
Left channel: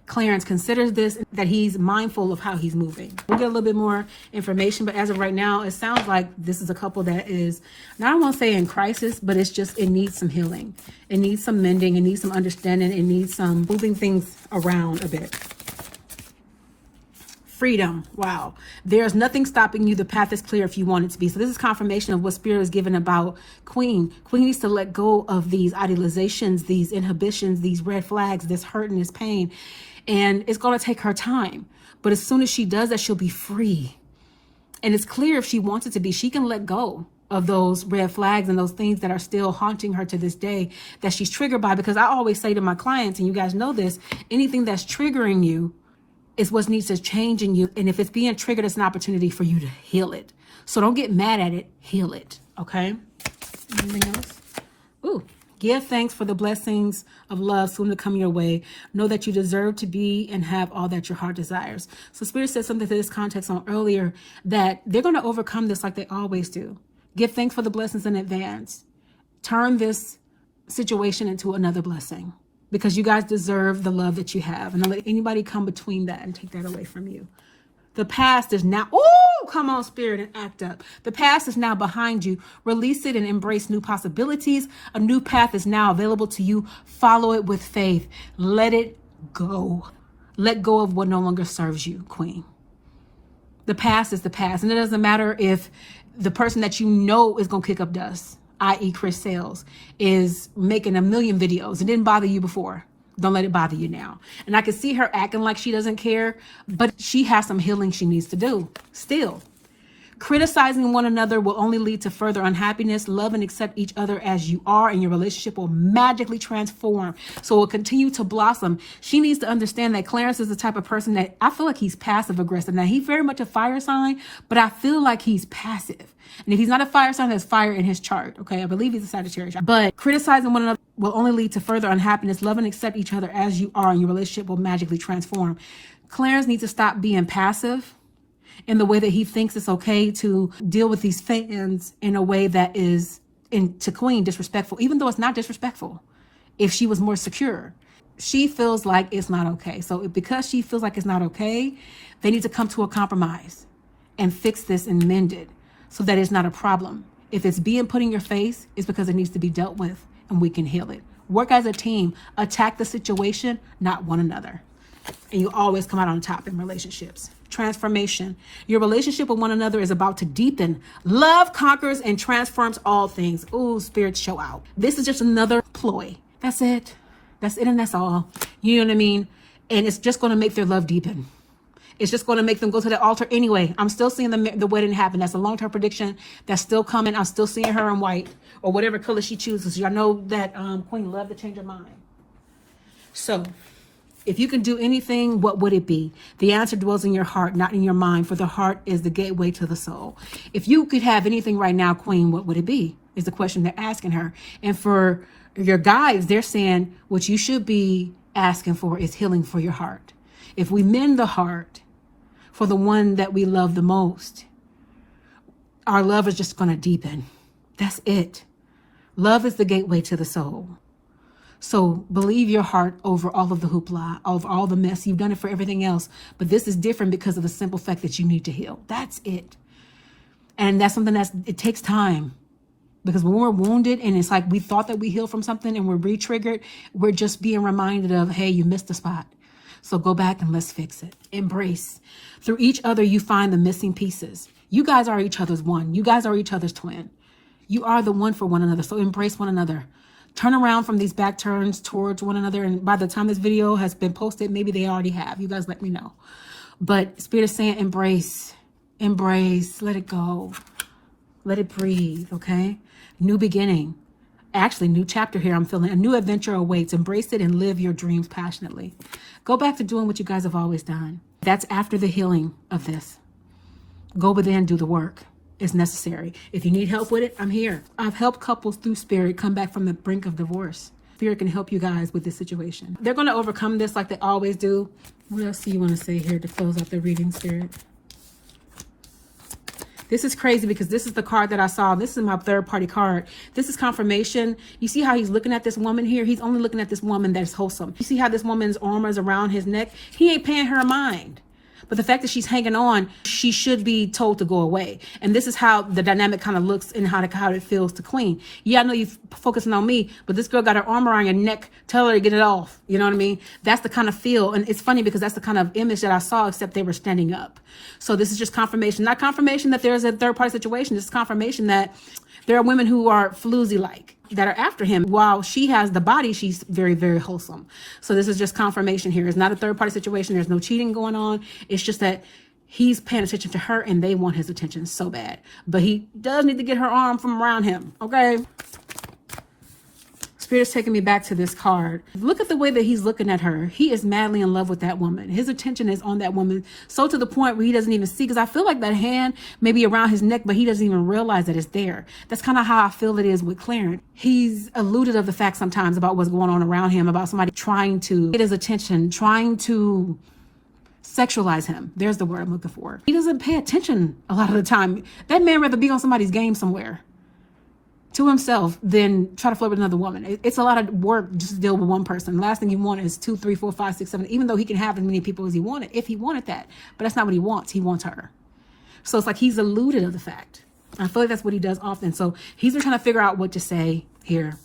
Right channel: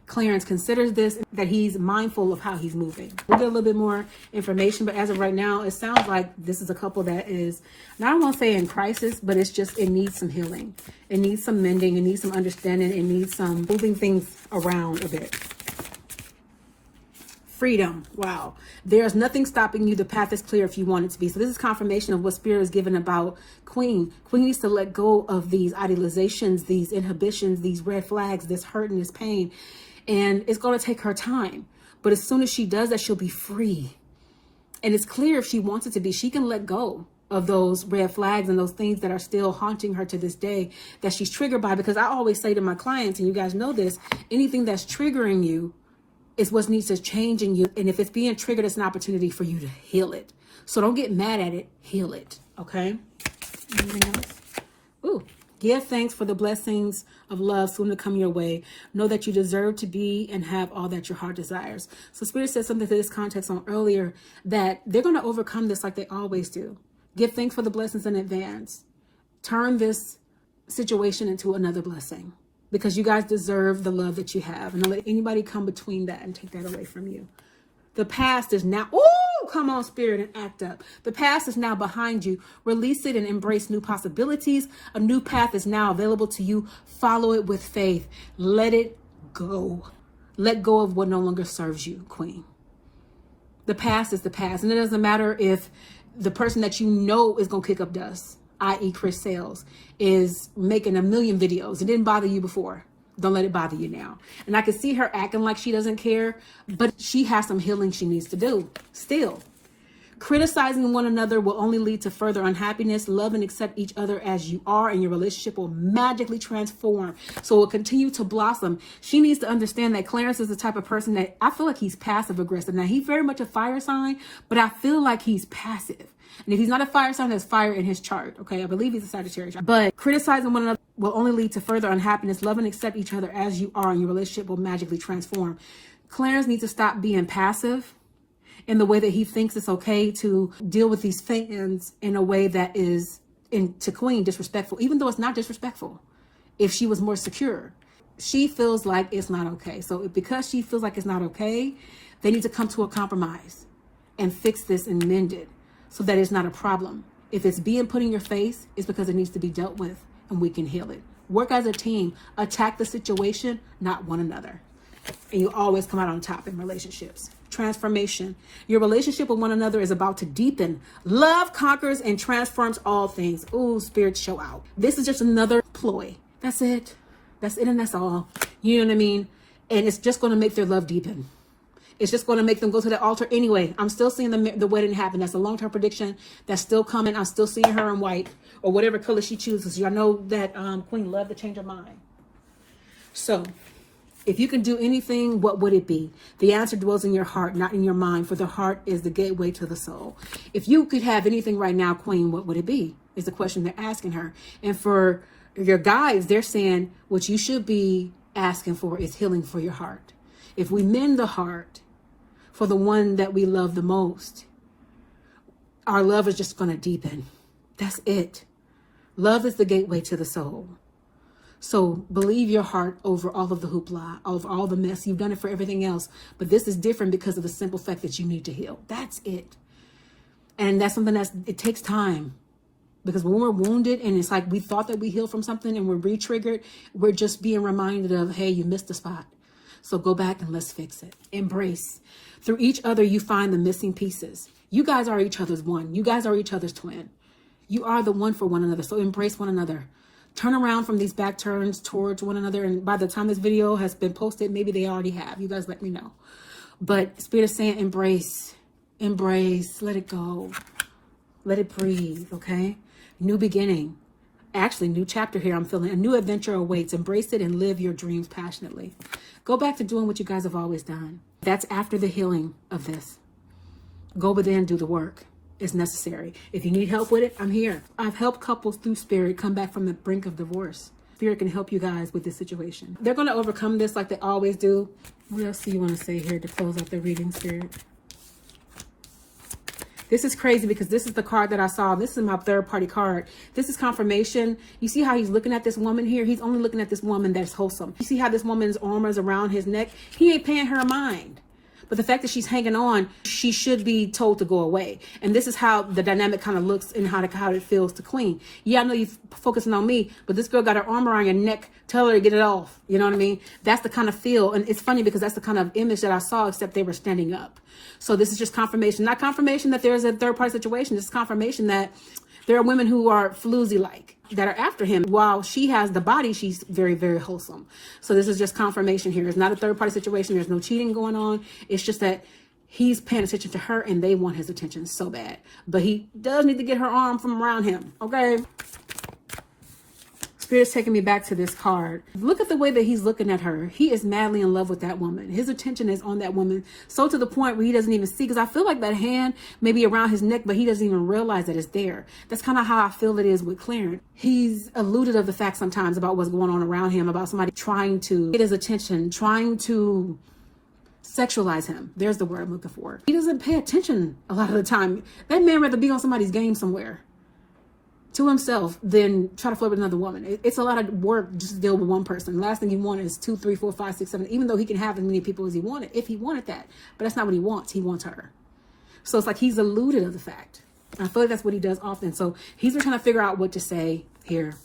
Clarence considers this, that he's mindful of how he's moving. We'll get a little bit more information, but as of right now, it sounds like this is a couple that is, I don't want to say in crisis, but it's just, it needs some healing. It needs some mending. It needs some understanding. It needs some moving things around a bit. Freedom. Wow. There's nothing stopping you. The path is clear if you want it to be. So this is confirmation of what Spirit is given about Queen. Queen needs to let go of these idealizations, these inhibitions, these red flags, this hurt and this pain. And it's going to take her time. But as soon as she does that, she'll be free. And it's clear if she wants it to be, she can let go of those red flags and those things that are still haunting her to this day that she's triggered by. Because I always say to my clients, and you guys know this, anything that's triggering you is what needs to change in you. And if it's being triggered, it's an opportunity for you to heal it. So don't get mad at it, heal it. Okay? Anything else? Ooh. Give thanks for the blessings of love soon to come your way. Know that you deserve to be and have all that your heart desires. So Spirit said something to this context on earlier, that they're going to overcome this like they always do. Give thanks for the blessings in advance. Turn this situation into another blessing, because you guys deserve the love that you have. And don't let anybody come between that and take that away from you. The past is now, oh, come on, Spirit, and act up. The past is now behind you. Release it and embrace new possibilities. A new path is now available to you. Follow it with faith. Let it go. Let go of what no longer serves you, Queen. The past is the past. And it doesn't matter if the person that you know is going to kick up dust, i.e. Chris Sales, is making a million videos. It didn't bother you before. Don't let it bother you now. And I can see her acting like she doesn't care, but she has some healing she needs to do still. Criticizing one another will only lead to further unhappiness. Love and accept each other as you are, and your relationship will magically transform. So it will continue to blossom. She needs to understand that Clarence is the type of person that I feel like he's passive aggressive. Now, he's very much a fire sign, but I feel like he's passive. And if he's not a fire sign, there's fire in his chart. Okay, I believe he's a Sagittarius. But criticizing one another will only lead to further unhappiness. Love and accept each other as you are, and your relationship will magically transform. Clarence needs to stop being passive in the way that he thinks it's okay to deal with these fans in a way that is, to Queen, disrespectful, even though it's not disrespectful. If she was more secure, she feels like it's not okay. So because she feels like it's not okay, they need to come to a compromise and fix this and mend it, so that it's not a problem. If it's being put in your face, it's because it needs to be dealt with, and we can heal it. Work as a team. Attack the situation, not one another. And you always come out on top in relationships. Transformation. Your relationship with one another is about to deepen. Love conquers and transforms all things. Ooh, Spirit, show out. This is just another ploy. That's it. That's it, and that's all. You know what I mean? And it's just going to make their love deepen. It's just going to make them go to the altar anyway. I'm still seeing the wedding happen. That's a long-term prediction that's still coming. I'm still seeing her in white, or whatever color she chooses. Y'all know that Queen loved to change her mind. So if you can do anything, what would it be? The answer dwells in your heart, not in your mind, for the heart is the gateway to the soul. If you could have anything right now, Queen, what would it be? Is the question they're asking her. And for your guides, they're saying what you should be asking for is healing for your heart. If we mend the heart for the one that we love the most, our love is just going to deepen. That's it. Love is the gateway to the soul. So believe your heart over all of the hoopla, over all the mess. You've done it for everything else, but this is different because of the simple fact that you need to heal. That's it. And that's something it takes time, because when we're wounded and it's like we thought that we healed from something and we're re-triggered, we're just being reminded of, hey, you missed the spot. So go back and let's fix it. Embrace. Through each other, you find the missing pieces. You guys are each other's one. You guys are each other's twin. You are the one for one another. So embrace one another. Turn around from these back turns towards one another. And by the time this video has been posted, maybe they already have. You guys let me know. But Spirit is saying embrace. Embrace. Let it go. Let it breathe, okay? New beginning. Actually, new chapter here. I'm feeling a new adventure awaits. Embrace it and live your dreams passionately. Go back to doing what you guys have always done. That's after the healing of this. Go within, do the work. It's necessary. If you need help with it, I'm here. I've helped couples through Spirit come back from the brink of divorce. Spirit can help you guys with this situation. They're going to overcome this like they always do. What else do you want to say here to close out the reading, Spirit? This is crazy because this is the card that I saw. This is my third party card. This is confirmation. You see how he's looking at this woman here? He's only looking at this woman that's wholesome. You see how this woman's arm is around his neck? He ain't paying her a mind. But the fact that she's hanging on, she should be told to go away. And this is how the dynamic kind of looks and how it feels to Queen. Yeah, I know you're focusing on me, but this girl got her arm around your neck. Tell her to get it off. You know what I mean? That's the kind of feel. And it's funny because that's the kind of image that I saw, except they were standing up. So this is just confirmation. Not confirmation that there's a third party situation. This is confirmation that there are women who are floozy-like, that are after him. While she has the body, she's very, very wholesome. So this is just confirmation here. It's not a third party situation. There's no cheating going on. It's just that he's paying attention to her and they want his attention so bad. But he does need to get her arm from around him. Okay. Spirit's taking me back to this card. Look at the way that he's looking at her. He is madly in love with that woman. His attention is on that woman. So to the point where he doesn't even see, because I feel like that hand may be around his neck, but he doesn't even realize that it's there. That's kind of how I feel it is with Clarence. He's eluded of the fact sometimes about what's going on around him, about somebody trying to get his attention, trying to sexualize him. There's the word I'm looking for. He doesn't pay attention a lot of the time. That man rather be on somebody's game somewhere to himself than try to flirt with another woman. It's a lot of work just to deal with one person. The last thing he wanted is 2, 3, 4, 5, 6, 7, even though he can have as many people as he wanted, if he wanted that. But that's not what he wants. He wants her. So it's like he's eluded of the fact. I feel like that's what he does often. So he's been trying to figure out what to say here.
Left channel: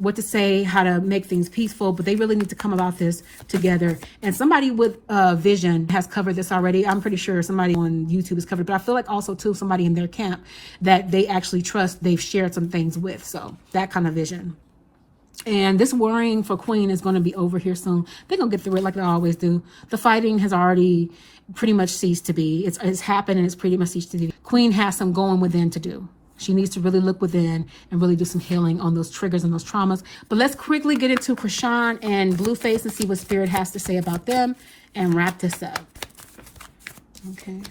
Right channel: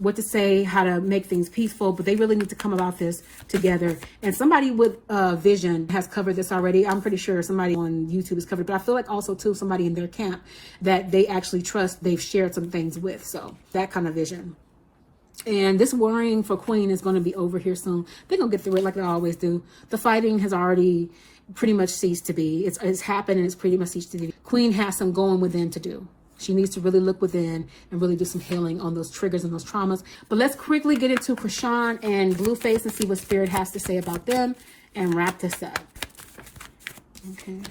What to say, how to make things peaceful, but they really need to come about this together. And somebody with vision has covered this already. I'm pretty sure somebody on YouTube has covered, but I feel like also too somebody in their camp that they actually trust, they've shared some things with. So that kind of vision. And this worrying for Queen is going to be over here soon. They're going to get through it like they always do. The fighting has already pretty much ceased to be. It's happened and it's pretty much ceased to be. Queen has some going within to do. She needs to really look within and really do some healing on those triggers and those traumas. But let's quickly get into Chrisean and Blueface and see what Spirit has to say about them and wrap this up. Okay.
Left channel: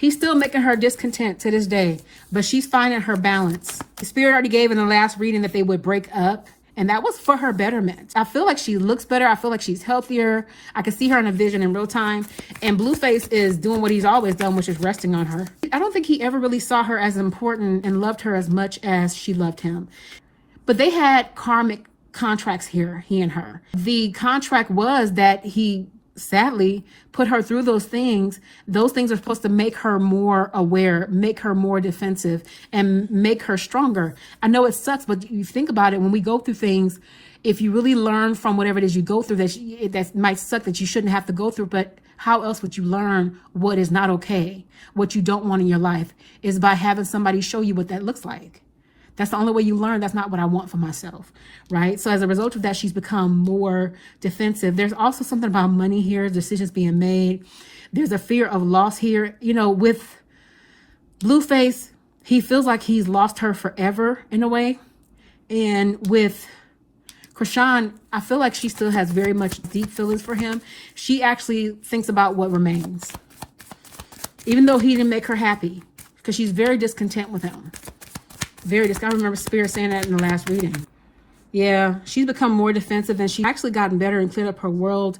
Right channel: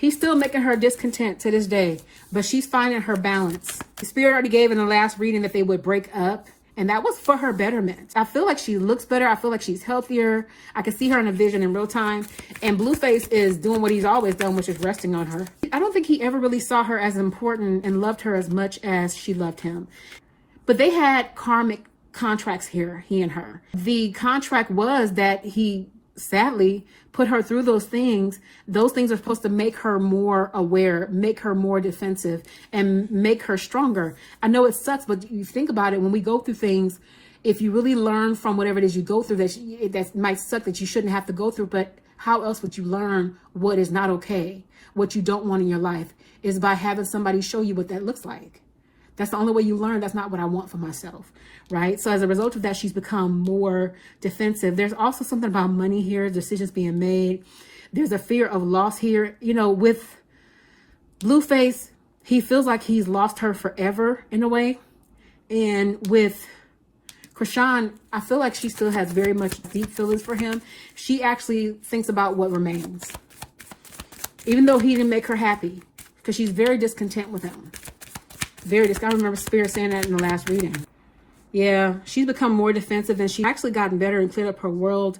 He's still making her discontent to this day, but she's finding her balance. The Spirit already gave in the last reading that they would break up, and that was for her betterment. I feel like she looks better. I feel like she's healthier. I can see her in a vision in real time. And Blueface is doing what he's always done, which is resting on her. I don't think he ever really saw her as important and loved her as much as she loved him. But they had karmic contracts here, he and her. The contract was that he sadly put her through those things. Those things are supposed to make her more aware, make her more defensive, and make her stronger. I know it sucks, but you think about it, when we go through things, if you really learn from whatever it is you go through, that might suck that you shouldn't have to go through, but how else would you learn what is not okay, what you don't want in your life, is by having somebody show you what that looks like. That's the only way you learn. That's not what I want for myself, right? So as a result of that, she's become more defensive. There's also something about money here, decisions being made. There's a fear of loss here. You know, with Blueface, he feels like he's lost her forever in a way. And with Chrisean, I feel like she still has very much deep feelings for him. She actually thinks about what remains, even though he didn't make her happy, because she's very discontent with him. Very discontent. I remember Spirit saying that in the last reading. Yeah, she's become more defensive, and she's actually gotten better and cleared up her world.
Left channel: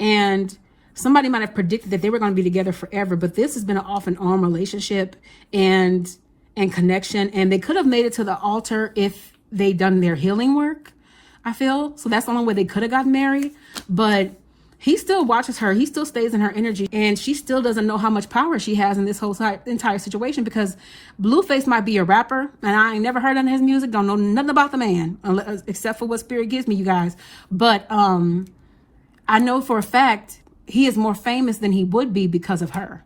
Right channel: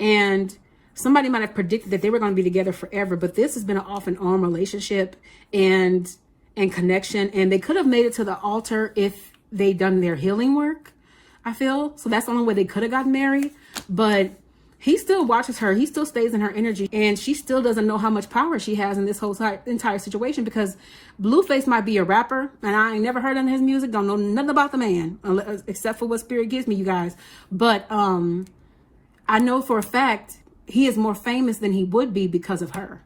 And somebody might have predicted that they were going to be together forever, but this has been an off and on relationship and connection. And they could have made it to the altar if they'd done their healing work, I feel. So that's the only way they could have gotten married. But he still watches her. He still stays in her energy. And she still doesn't know how much power she has in this whole entire situation, because Blueface might be a rapper, and I ain't never heard of his music. Don't know nothing about the man, except for what Spirit gives me, you guys. But I know for a fact he is more famous than he would be because of her.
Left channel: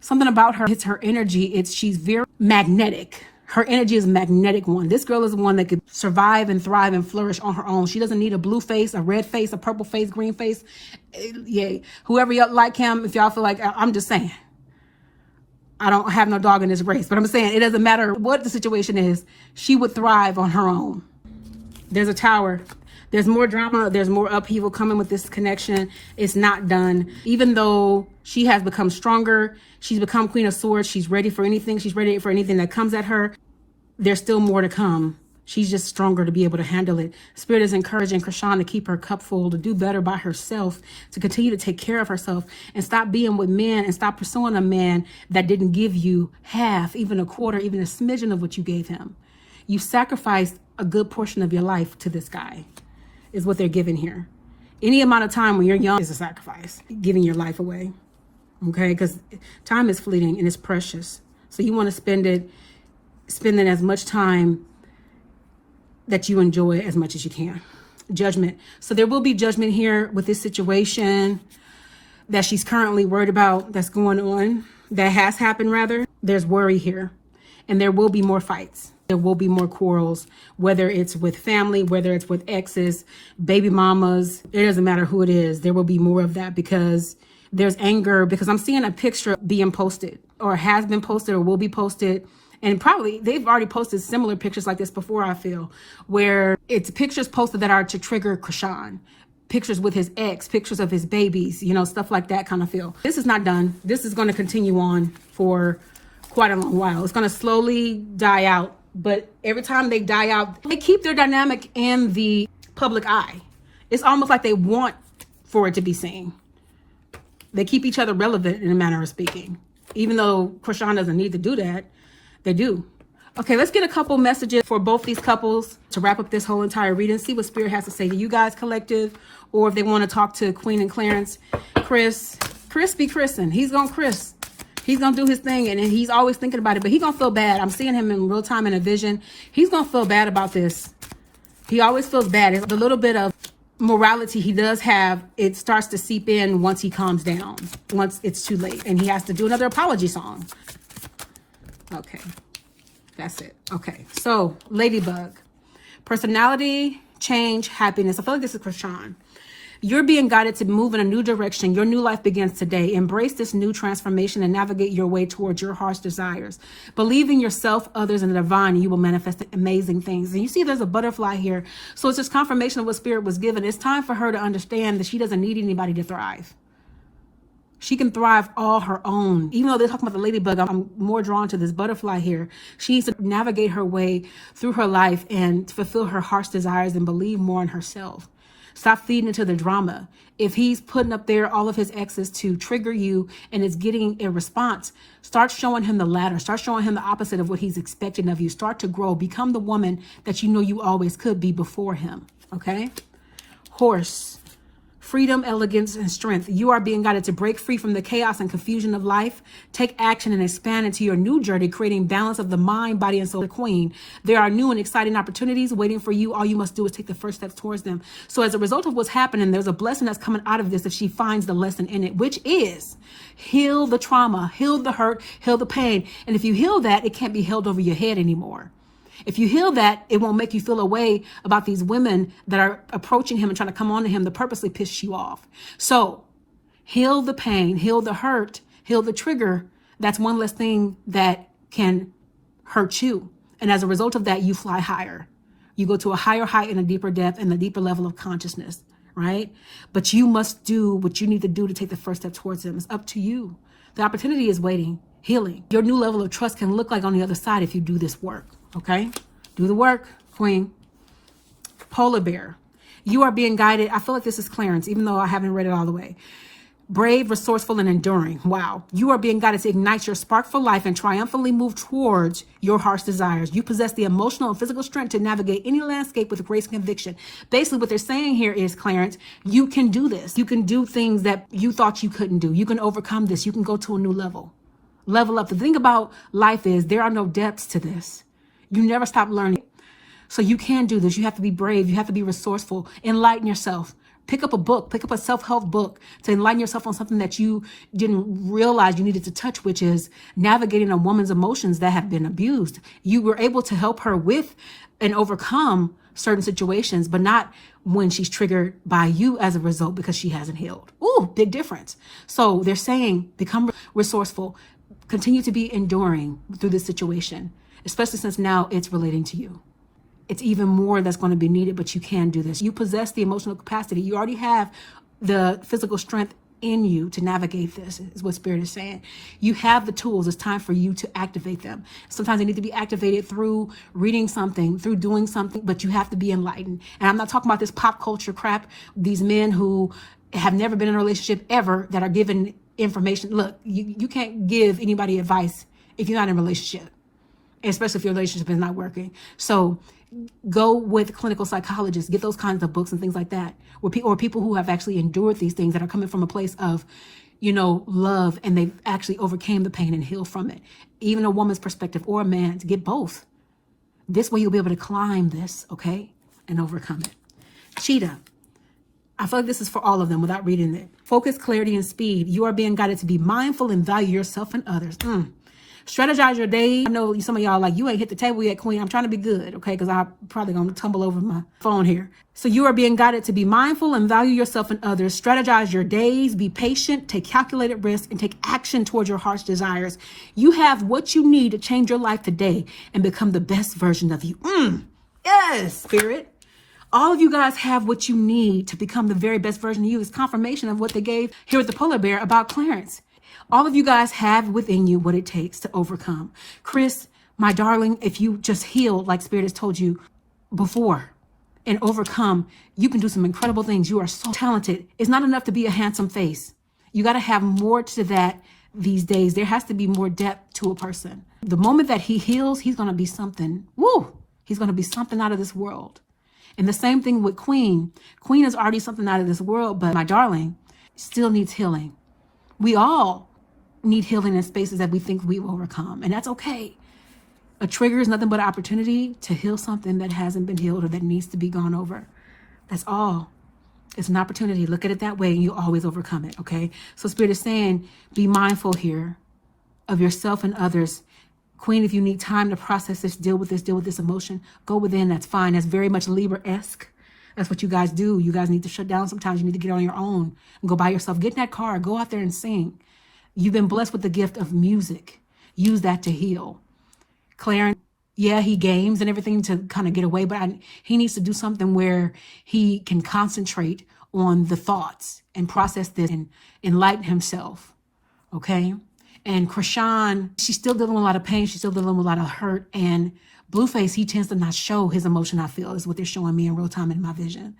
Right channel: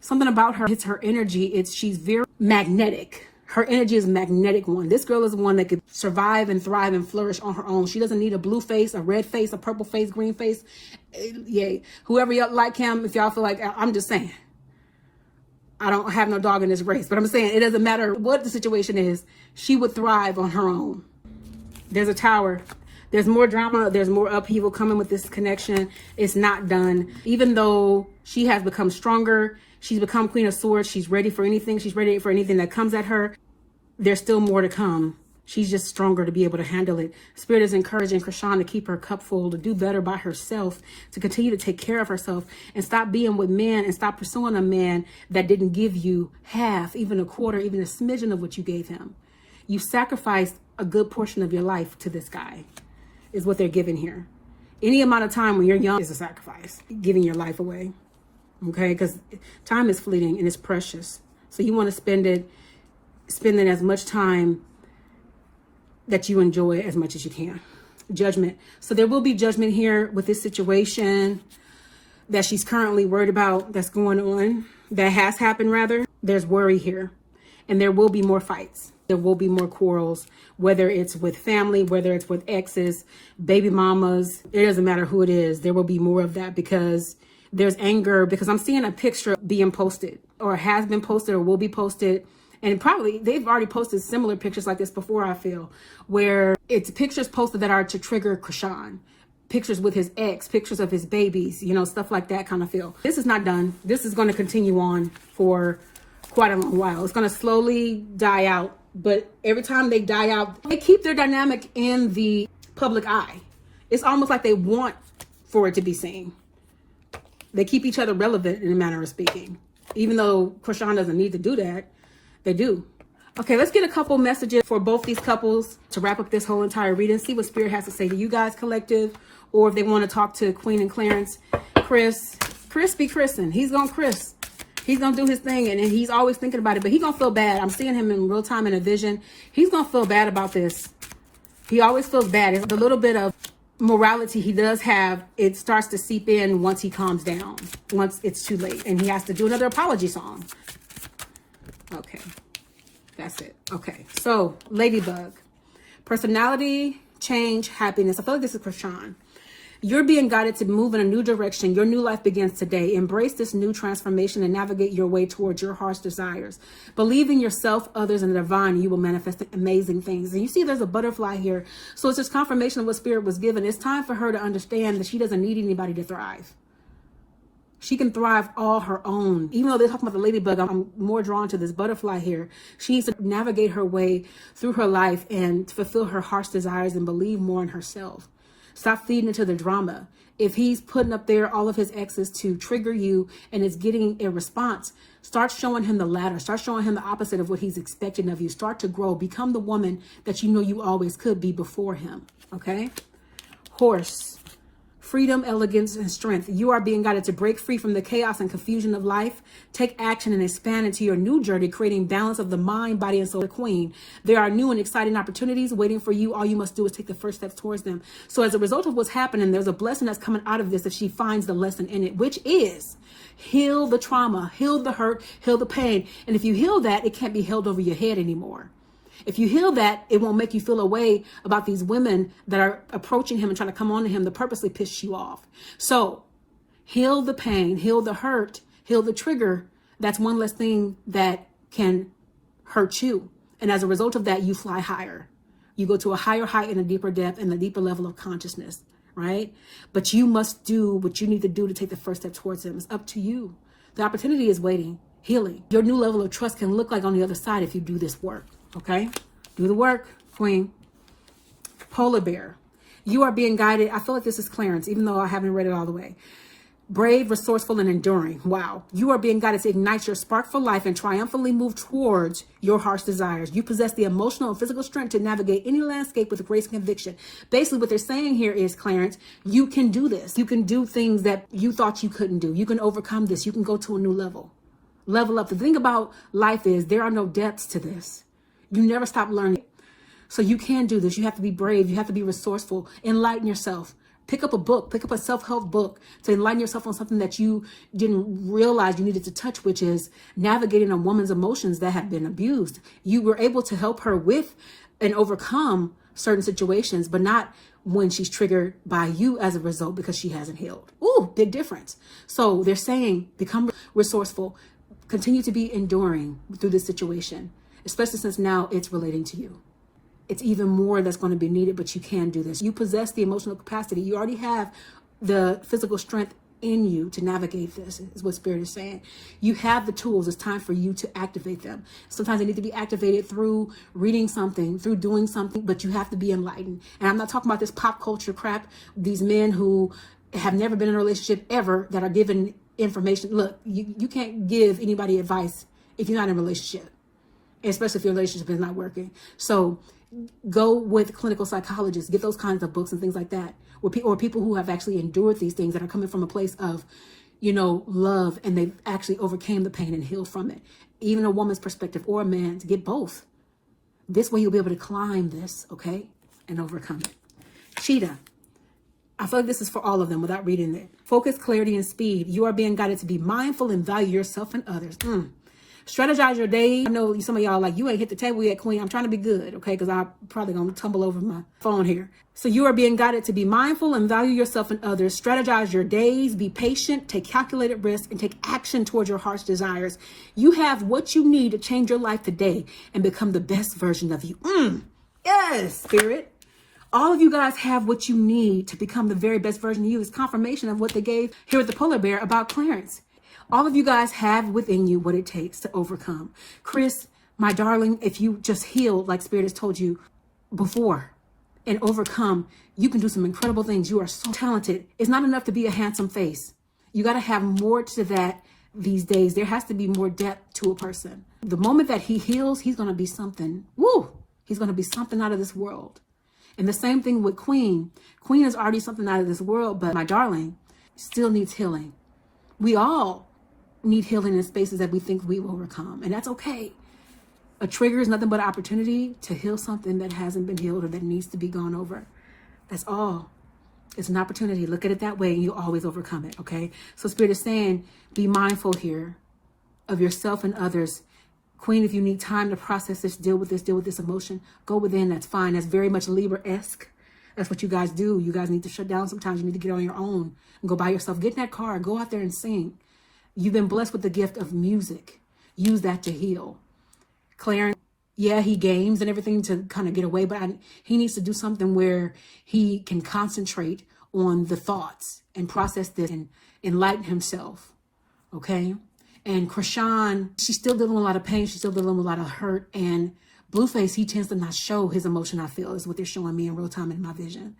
Something about her, it's her energy. She's very magnetic. Her energy is a magnetic one. This girl is one that could survive and thrive and flourish on her own. She doesn't need a blue face, a red face, a purple face, green face. Yeah, whoever y'all like him, if y'all feel like, I'm just saying. I don't have no dog in this race, but I'm saying it doesn't matter what the situation is. She would thrive on her own. There's a tower. There's more drama. There's more upheaval coming with this connection. It's not done. Even though she has become stronger, she's become Queen of Swords. She's ready for anything. She's ready for anything that comes at her. There's still more to come She's just stronger to be able to handle it. Spirit is encouraging Chrisean to keep her cup full, to do better by herself, to continue to take care of herself, and stop being with men and stop pursuing a man that didn't give you half, even a quarter, even a smidgen of what you gave him. You sacrificed a good portion of your life to this guy, is what they're giving here. Any amount of time when you're young is a sacrifice, giving your life away, okay? Because time is fleeting and it's precious. So you want to spend it as much time that you enjoy as much as you can. Judgment. So there will be judgment here with this situation that she's currently worried about that's going on, that has happened rather. There's worry here. And there will be more fights. There will be more quarrels, whether it's with family, whether it's with exes, baby mamas. It doesn't matter who it is. There will be more of that because there's anger, because I'm seeing a picture being posted or has been posted or will be posted. And probably they've already posted similar pictures like this before, I feel, where it's pictures posted that are to trigger Chrisean. Pictures with his ex, pictures of his babies, you know, stuff like that kind of feel. This is not done. This is going to continue on for quite a long while. It's going to slowly die out. But every time they die out, they keep their dynamic in the public eye. It's almost like they want for it to be seen. They keep each other relevant in a manner of speaking. Even though Chrisean doesn't need to do that, they do. Okay, let's get a couple messages for both these couples to wrap up this whole entire reading. See what Spirit has to say to you guys collective, or if they want to talk to Queen and Clarence. Chris be Chrising. He's going to Chris. He's going to do his thing, and he's always thinking about it, but he's going to feel bad. I'm seeing him in real time in a vision. He's going to feel bad about this. He always feels bad. It's a little bit of morality he does have. It starts to seep in once he calms down, once it's too late, and he has to do another apology song. Okay, that's it. Okay, so Ladybug. Personality, change, happiness. I feel like this is Chrisean. You're being guided to move in a new direction. Your new life begins today. Embrace this new transformation and navigate your way towards your heart's desires. Believe in yourself, others, and the divine, and you will manifest amazing things. And you see there's a butterfly here. So it's just confirmation of what Spirit was given. It's time for her to understand that she doesn't need anybody to thrive. She can thrive all her own. Even though they're talking about the ladybug, I'm more drawn to this butterfly here. She needs to navigate her way through her life and fulfill her heart's desires and believe more in herself. Stop feeding into the drama. If he's putting up there all of his exes to trigger you and is getting a response, start showing him the latter. Start showing him the opposite of what he's expecting of you. Start to grow. Become the woman that you know you always could be before him. Okay? Horse. Freedom, elegance, and strength. You are being guided to break free from the chaos and confusion of life. Take action and expand into your new journey, creating balance of the mind, body, and soul. The Queen. There are new and exciting opportunities waiting for you. All you must do is take the first steps towards them. So as a result of what's happening, there's a blessing that's coming out of this if she finds the lesson in it, which is heal the trauma, heal the hurt, heal the pain. And if you heal that, it can't be held over your head anymore. If you heal that, it won't make you feel a way about these women that are approaching him and trying to come on to him to purposely piss you off. So heal the pain, heal the hurt, heal the trigger. That's one less thing that can hurt you. And as a result of that, you fly higher. You go to a higher height and a deeper depth and a deeper level of consciousness, right? But you must do what you need to do to take the first step towards him. It's up to you. The opportunity is waiting, healing. Your new level of trust can look like on the other side if you do this work. Okay, do the work, Queen. Polar bear. You are being guided. I feel like this is Clarence, even though I haven't read it all the way. Brave, resourceful, and enduring. Wow. You are being guided to ignite your spark for life and triumphantly move towards your heart's desires. You possess the emotional and physical strength to navigate any landscape with grace and conviction. Basically, what they're saying here is, Clarence, you can do this. You can do things that you thought you couldn't do. You can overcome this. You can go to a new level. Level up. The thing about life is there are no depths to this. You never stop learning. So you can do this. You have to be brave. You have to be resourceful. Enlighten yourself. Pick up a book. Pick up a self-help book to enlighten yourself on something that you didn't realize you needed to touch, which is navigating a woman's emotions that have been abused. You were able to help her with and overcome certain situations, but not when she's triggered by you as a result because she hasn't healed. Ooh, big difference. So they're saying become resourceful. Continue to be enduring through this situation, especially since now it's relating to you. It's even more that's going to be needed, but you can do this. You possess the emotional capacity. You already have the physical strength in you to navigate this, is what Spirit is saying. You have the tools. It's time for you to activate them. Sometimes they need to be activated through reading something, through doing something, but you have to be enlightened. And I'm not talking about this pop culture crap, these men who have never been in a relationship ever that are given information. Look, you can't give anybody advice if you're not in a relationship, especially if your relationship is not working. So go with clinical psychologists, get those kinds of books and things like that, or people who have actually endured these things, that are coming from a place of, love, and they've actually overcame the pain and healed from it. Even a woman's perspective or a man, to get both. This way you'll be able to climb this, okay, and overcome it. Cheetah. I feel like this is for all of them without reading it. Focus, clarity, and speed. You are being guided to be mindful and value yourself and others. Strategize your day. I know some of y'all like, you ain't hit the table yet, Queen. I'm trying to be good, okay? Because I'm probably going to tumble over my phone here. So you are being guided to be mindful and value yourself and others. Strategize your days. Be patient. Take calculated risks and take action towards your heart's desires. You have what you need to change your life today and become the best version of you. Yes, Spirit. All of you guys have what you need to become the very best version of you. It's confirmation of what they gave here with the polar bear about Clarence. All of you guys have within you what it takes to overcome. Chris, my darling, if you just heal like Spirit has told you before and overcome, you can do some incredible things. You are so talented. It's not enough to be a handsome face. You got to have more to that these days. There has to be more depth to a person. The moment that he heals, he's going to be something. Woo! He's going to be something out of this world. And the same thing with Queen. Queen is already something out of this world, but my darling still needs healing. We all need healing in spaces that we think we will overcome, and that's okay. A trigger is nothing but an opportunity to heal something that hasn't been healed or that needs to be gone over. That's all. It's an opportunity. Look at it that way. You always overcome it, okay? So Spirit is saying, be mindful here of yourself and others. Queen, if you need time to process this, deal with this emotion, go within. That's fine. That's very much Libra-esque. That's what you guys do. You guys need to shut down sometimes. You need to get on your own and go by yourself. Get in that car. Go out there and sing. You've been blessed with the gift of music. Use that to heal. Clarence, yeah, he games and everything to kind of get away, but he needs to do something where he can concentrate on the thoughts and process this and enlighten himself, okay? And Chrisean, she's still dealing with a lot of pain. She's still dealing with a lot of hurt. And Blueface, he tends to not show his emotion, I feel, is what they're showing me in real time in my vision.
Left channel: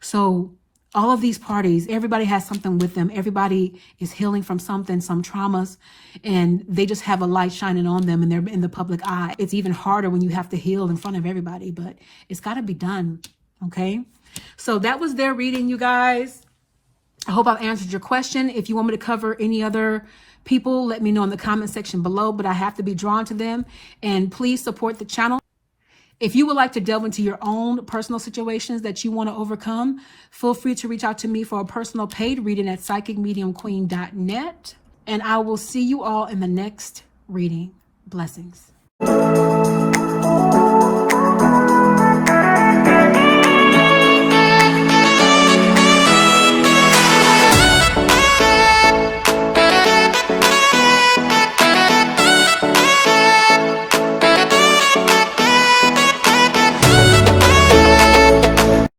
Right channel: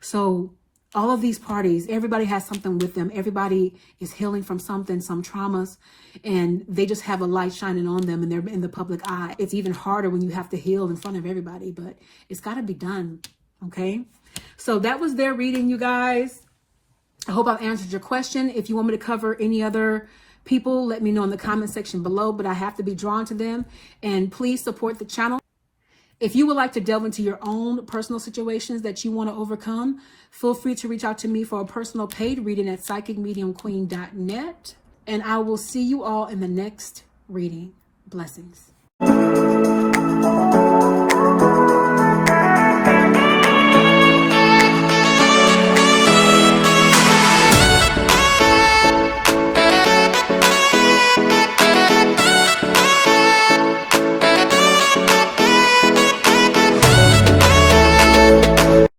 So all of these parties, everybody has something with them. Everybody is healing from something, some traumas, and they just have a light shining on them and they're in the public eye. It's even harder when you have to heal in front of everybody, but it's got to be done, okay? So that was their reading, you guys. I hope I've answered your question. If you want me to cover any other people, let me know in the comment section below, but I have to be drawn to them. And please support the channel. If you would like to delve into your own personal situations that you want to overcome, feel free to reach out to me for a personal paid reading at psychicmediumqueen.net. And I will see you all in the next reading. Blessings.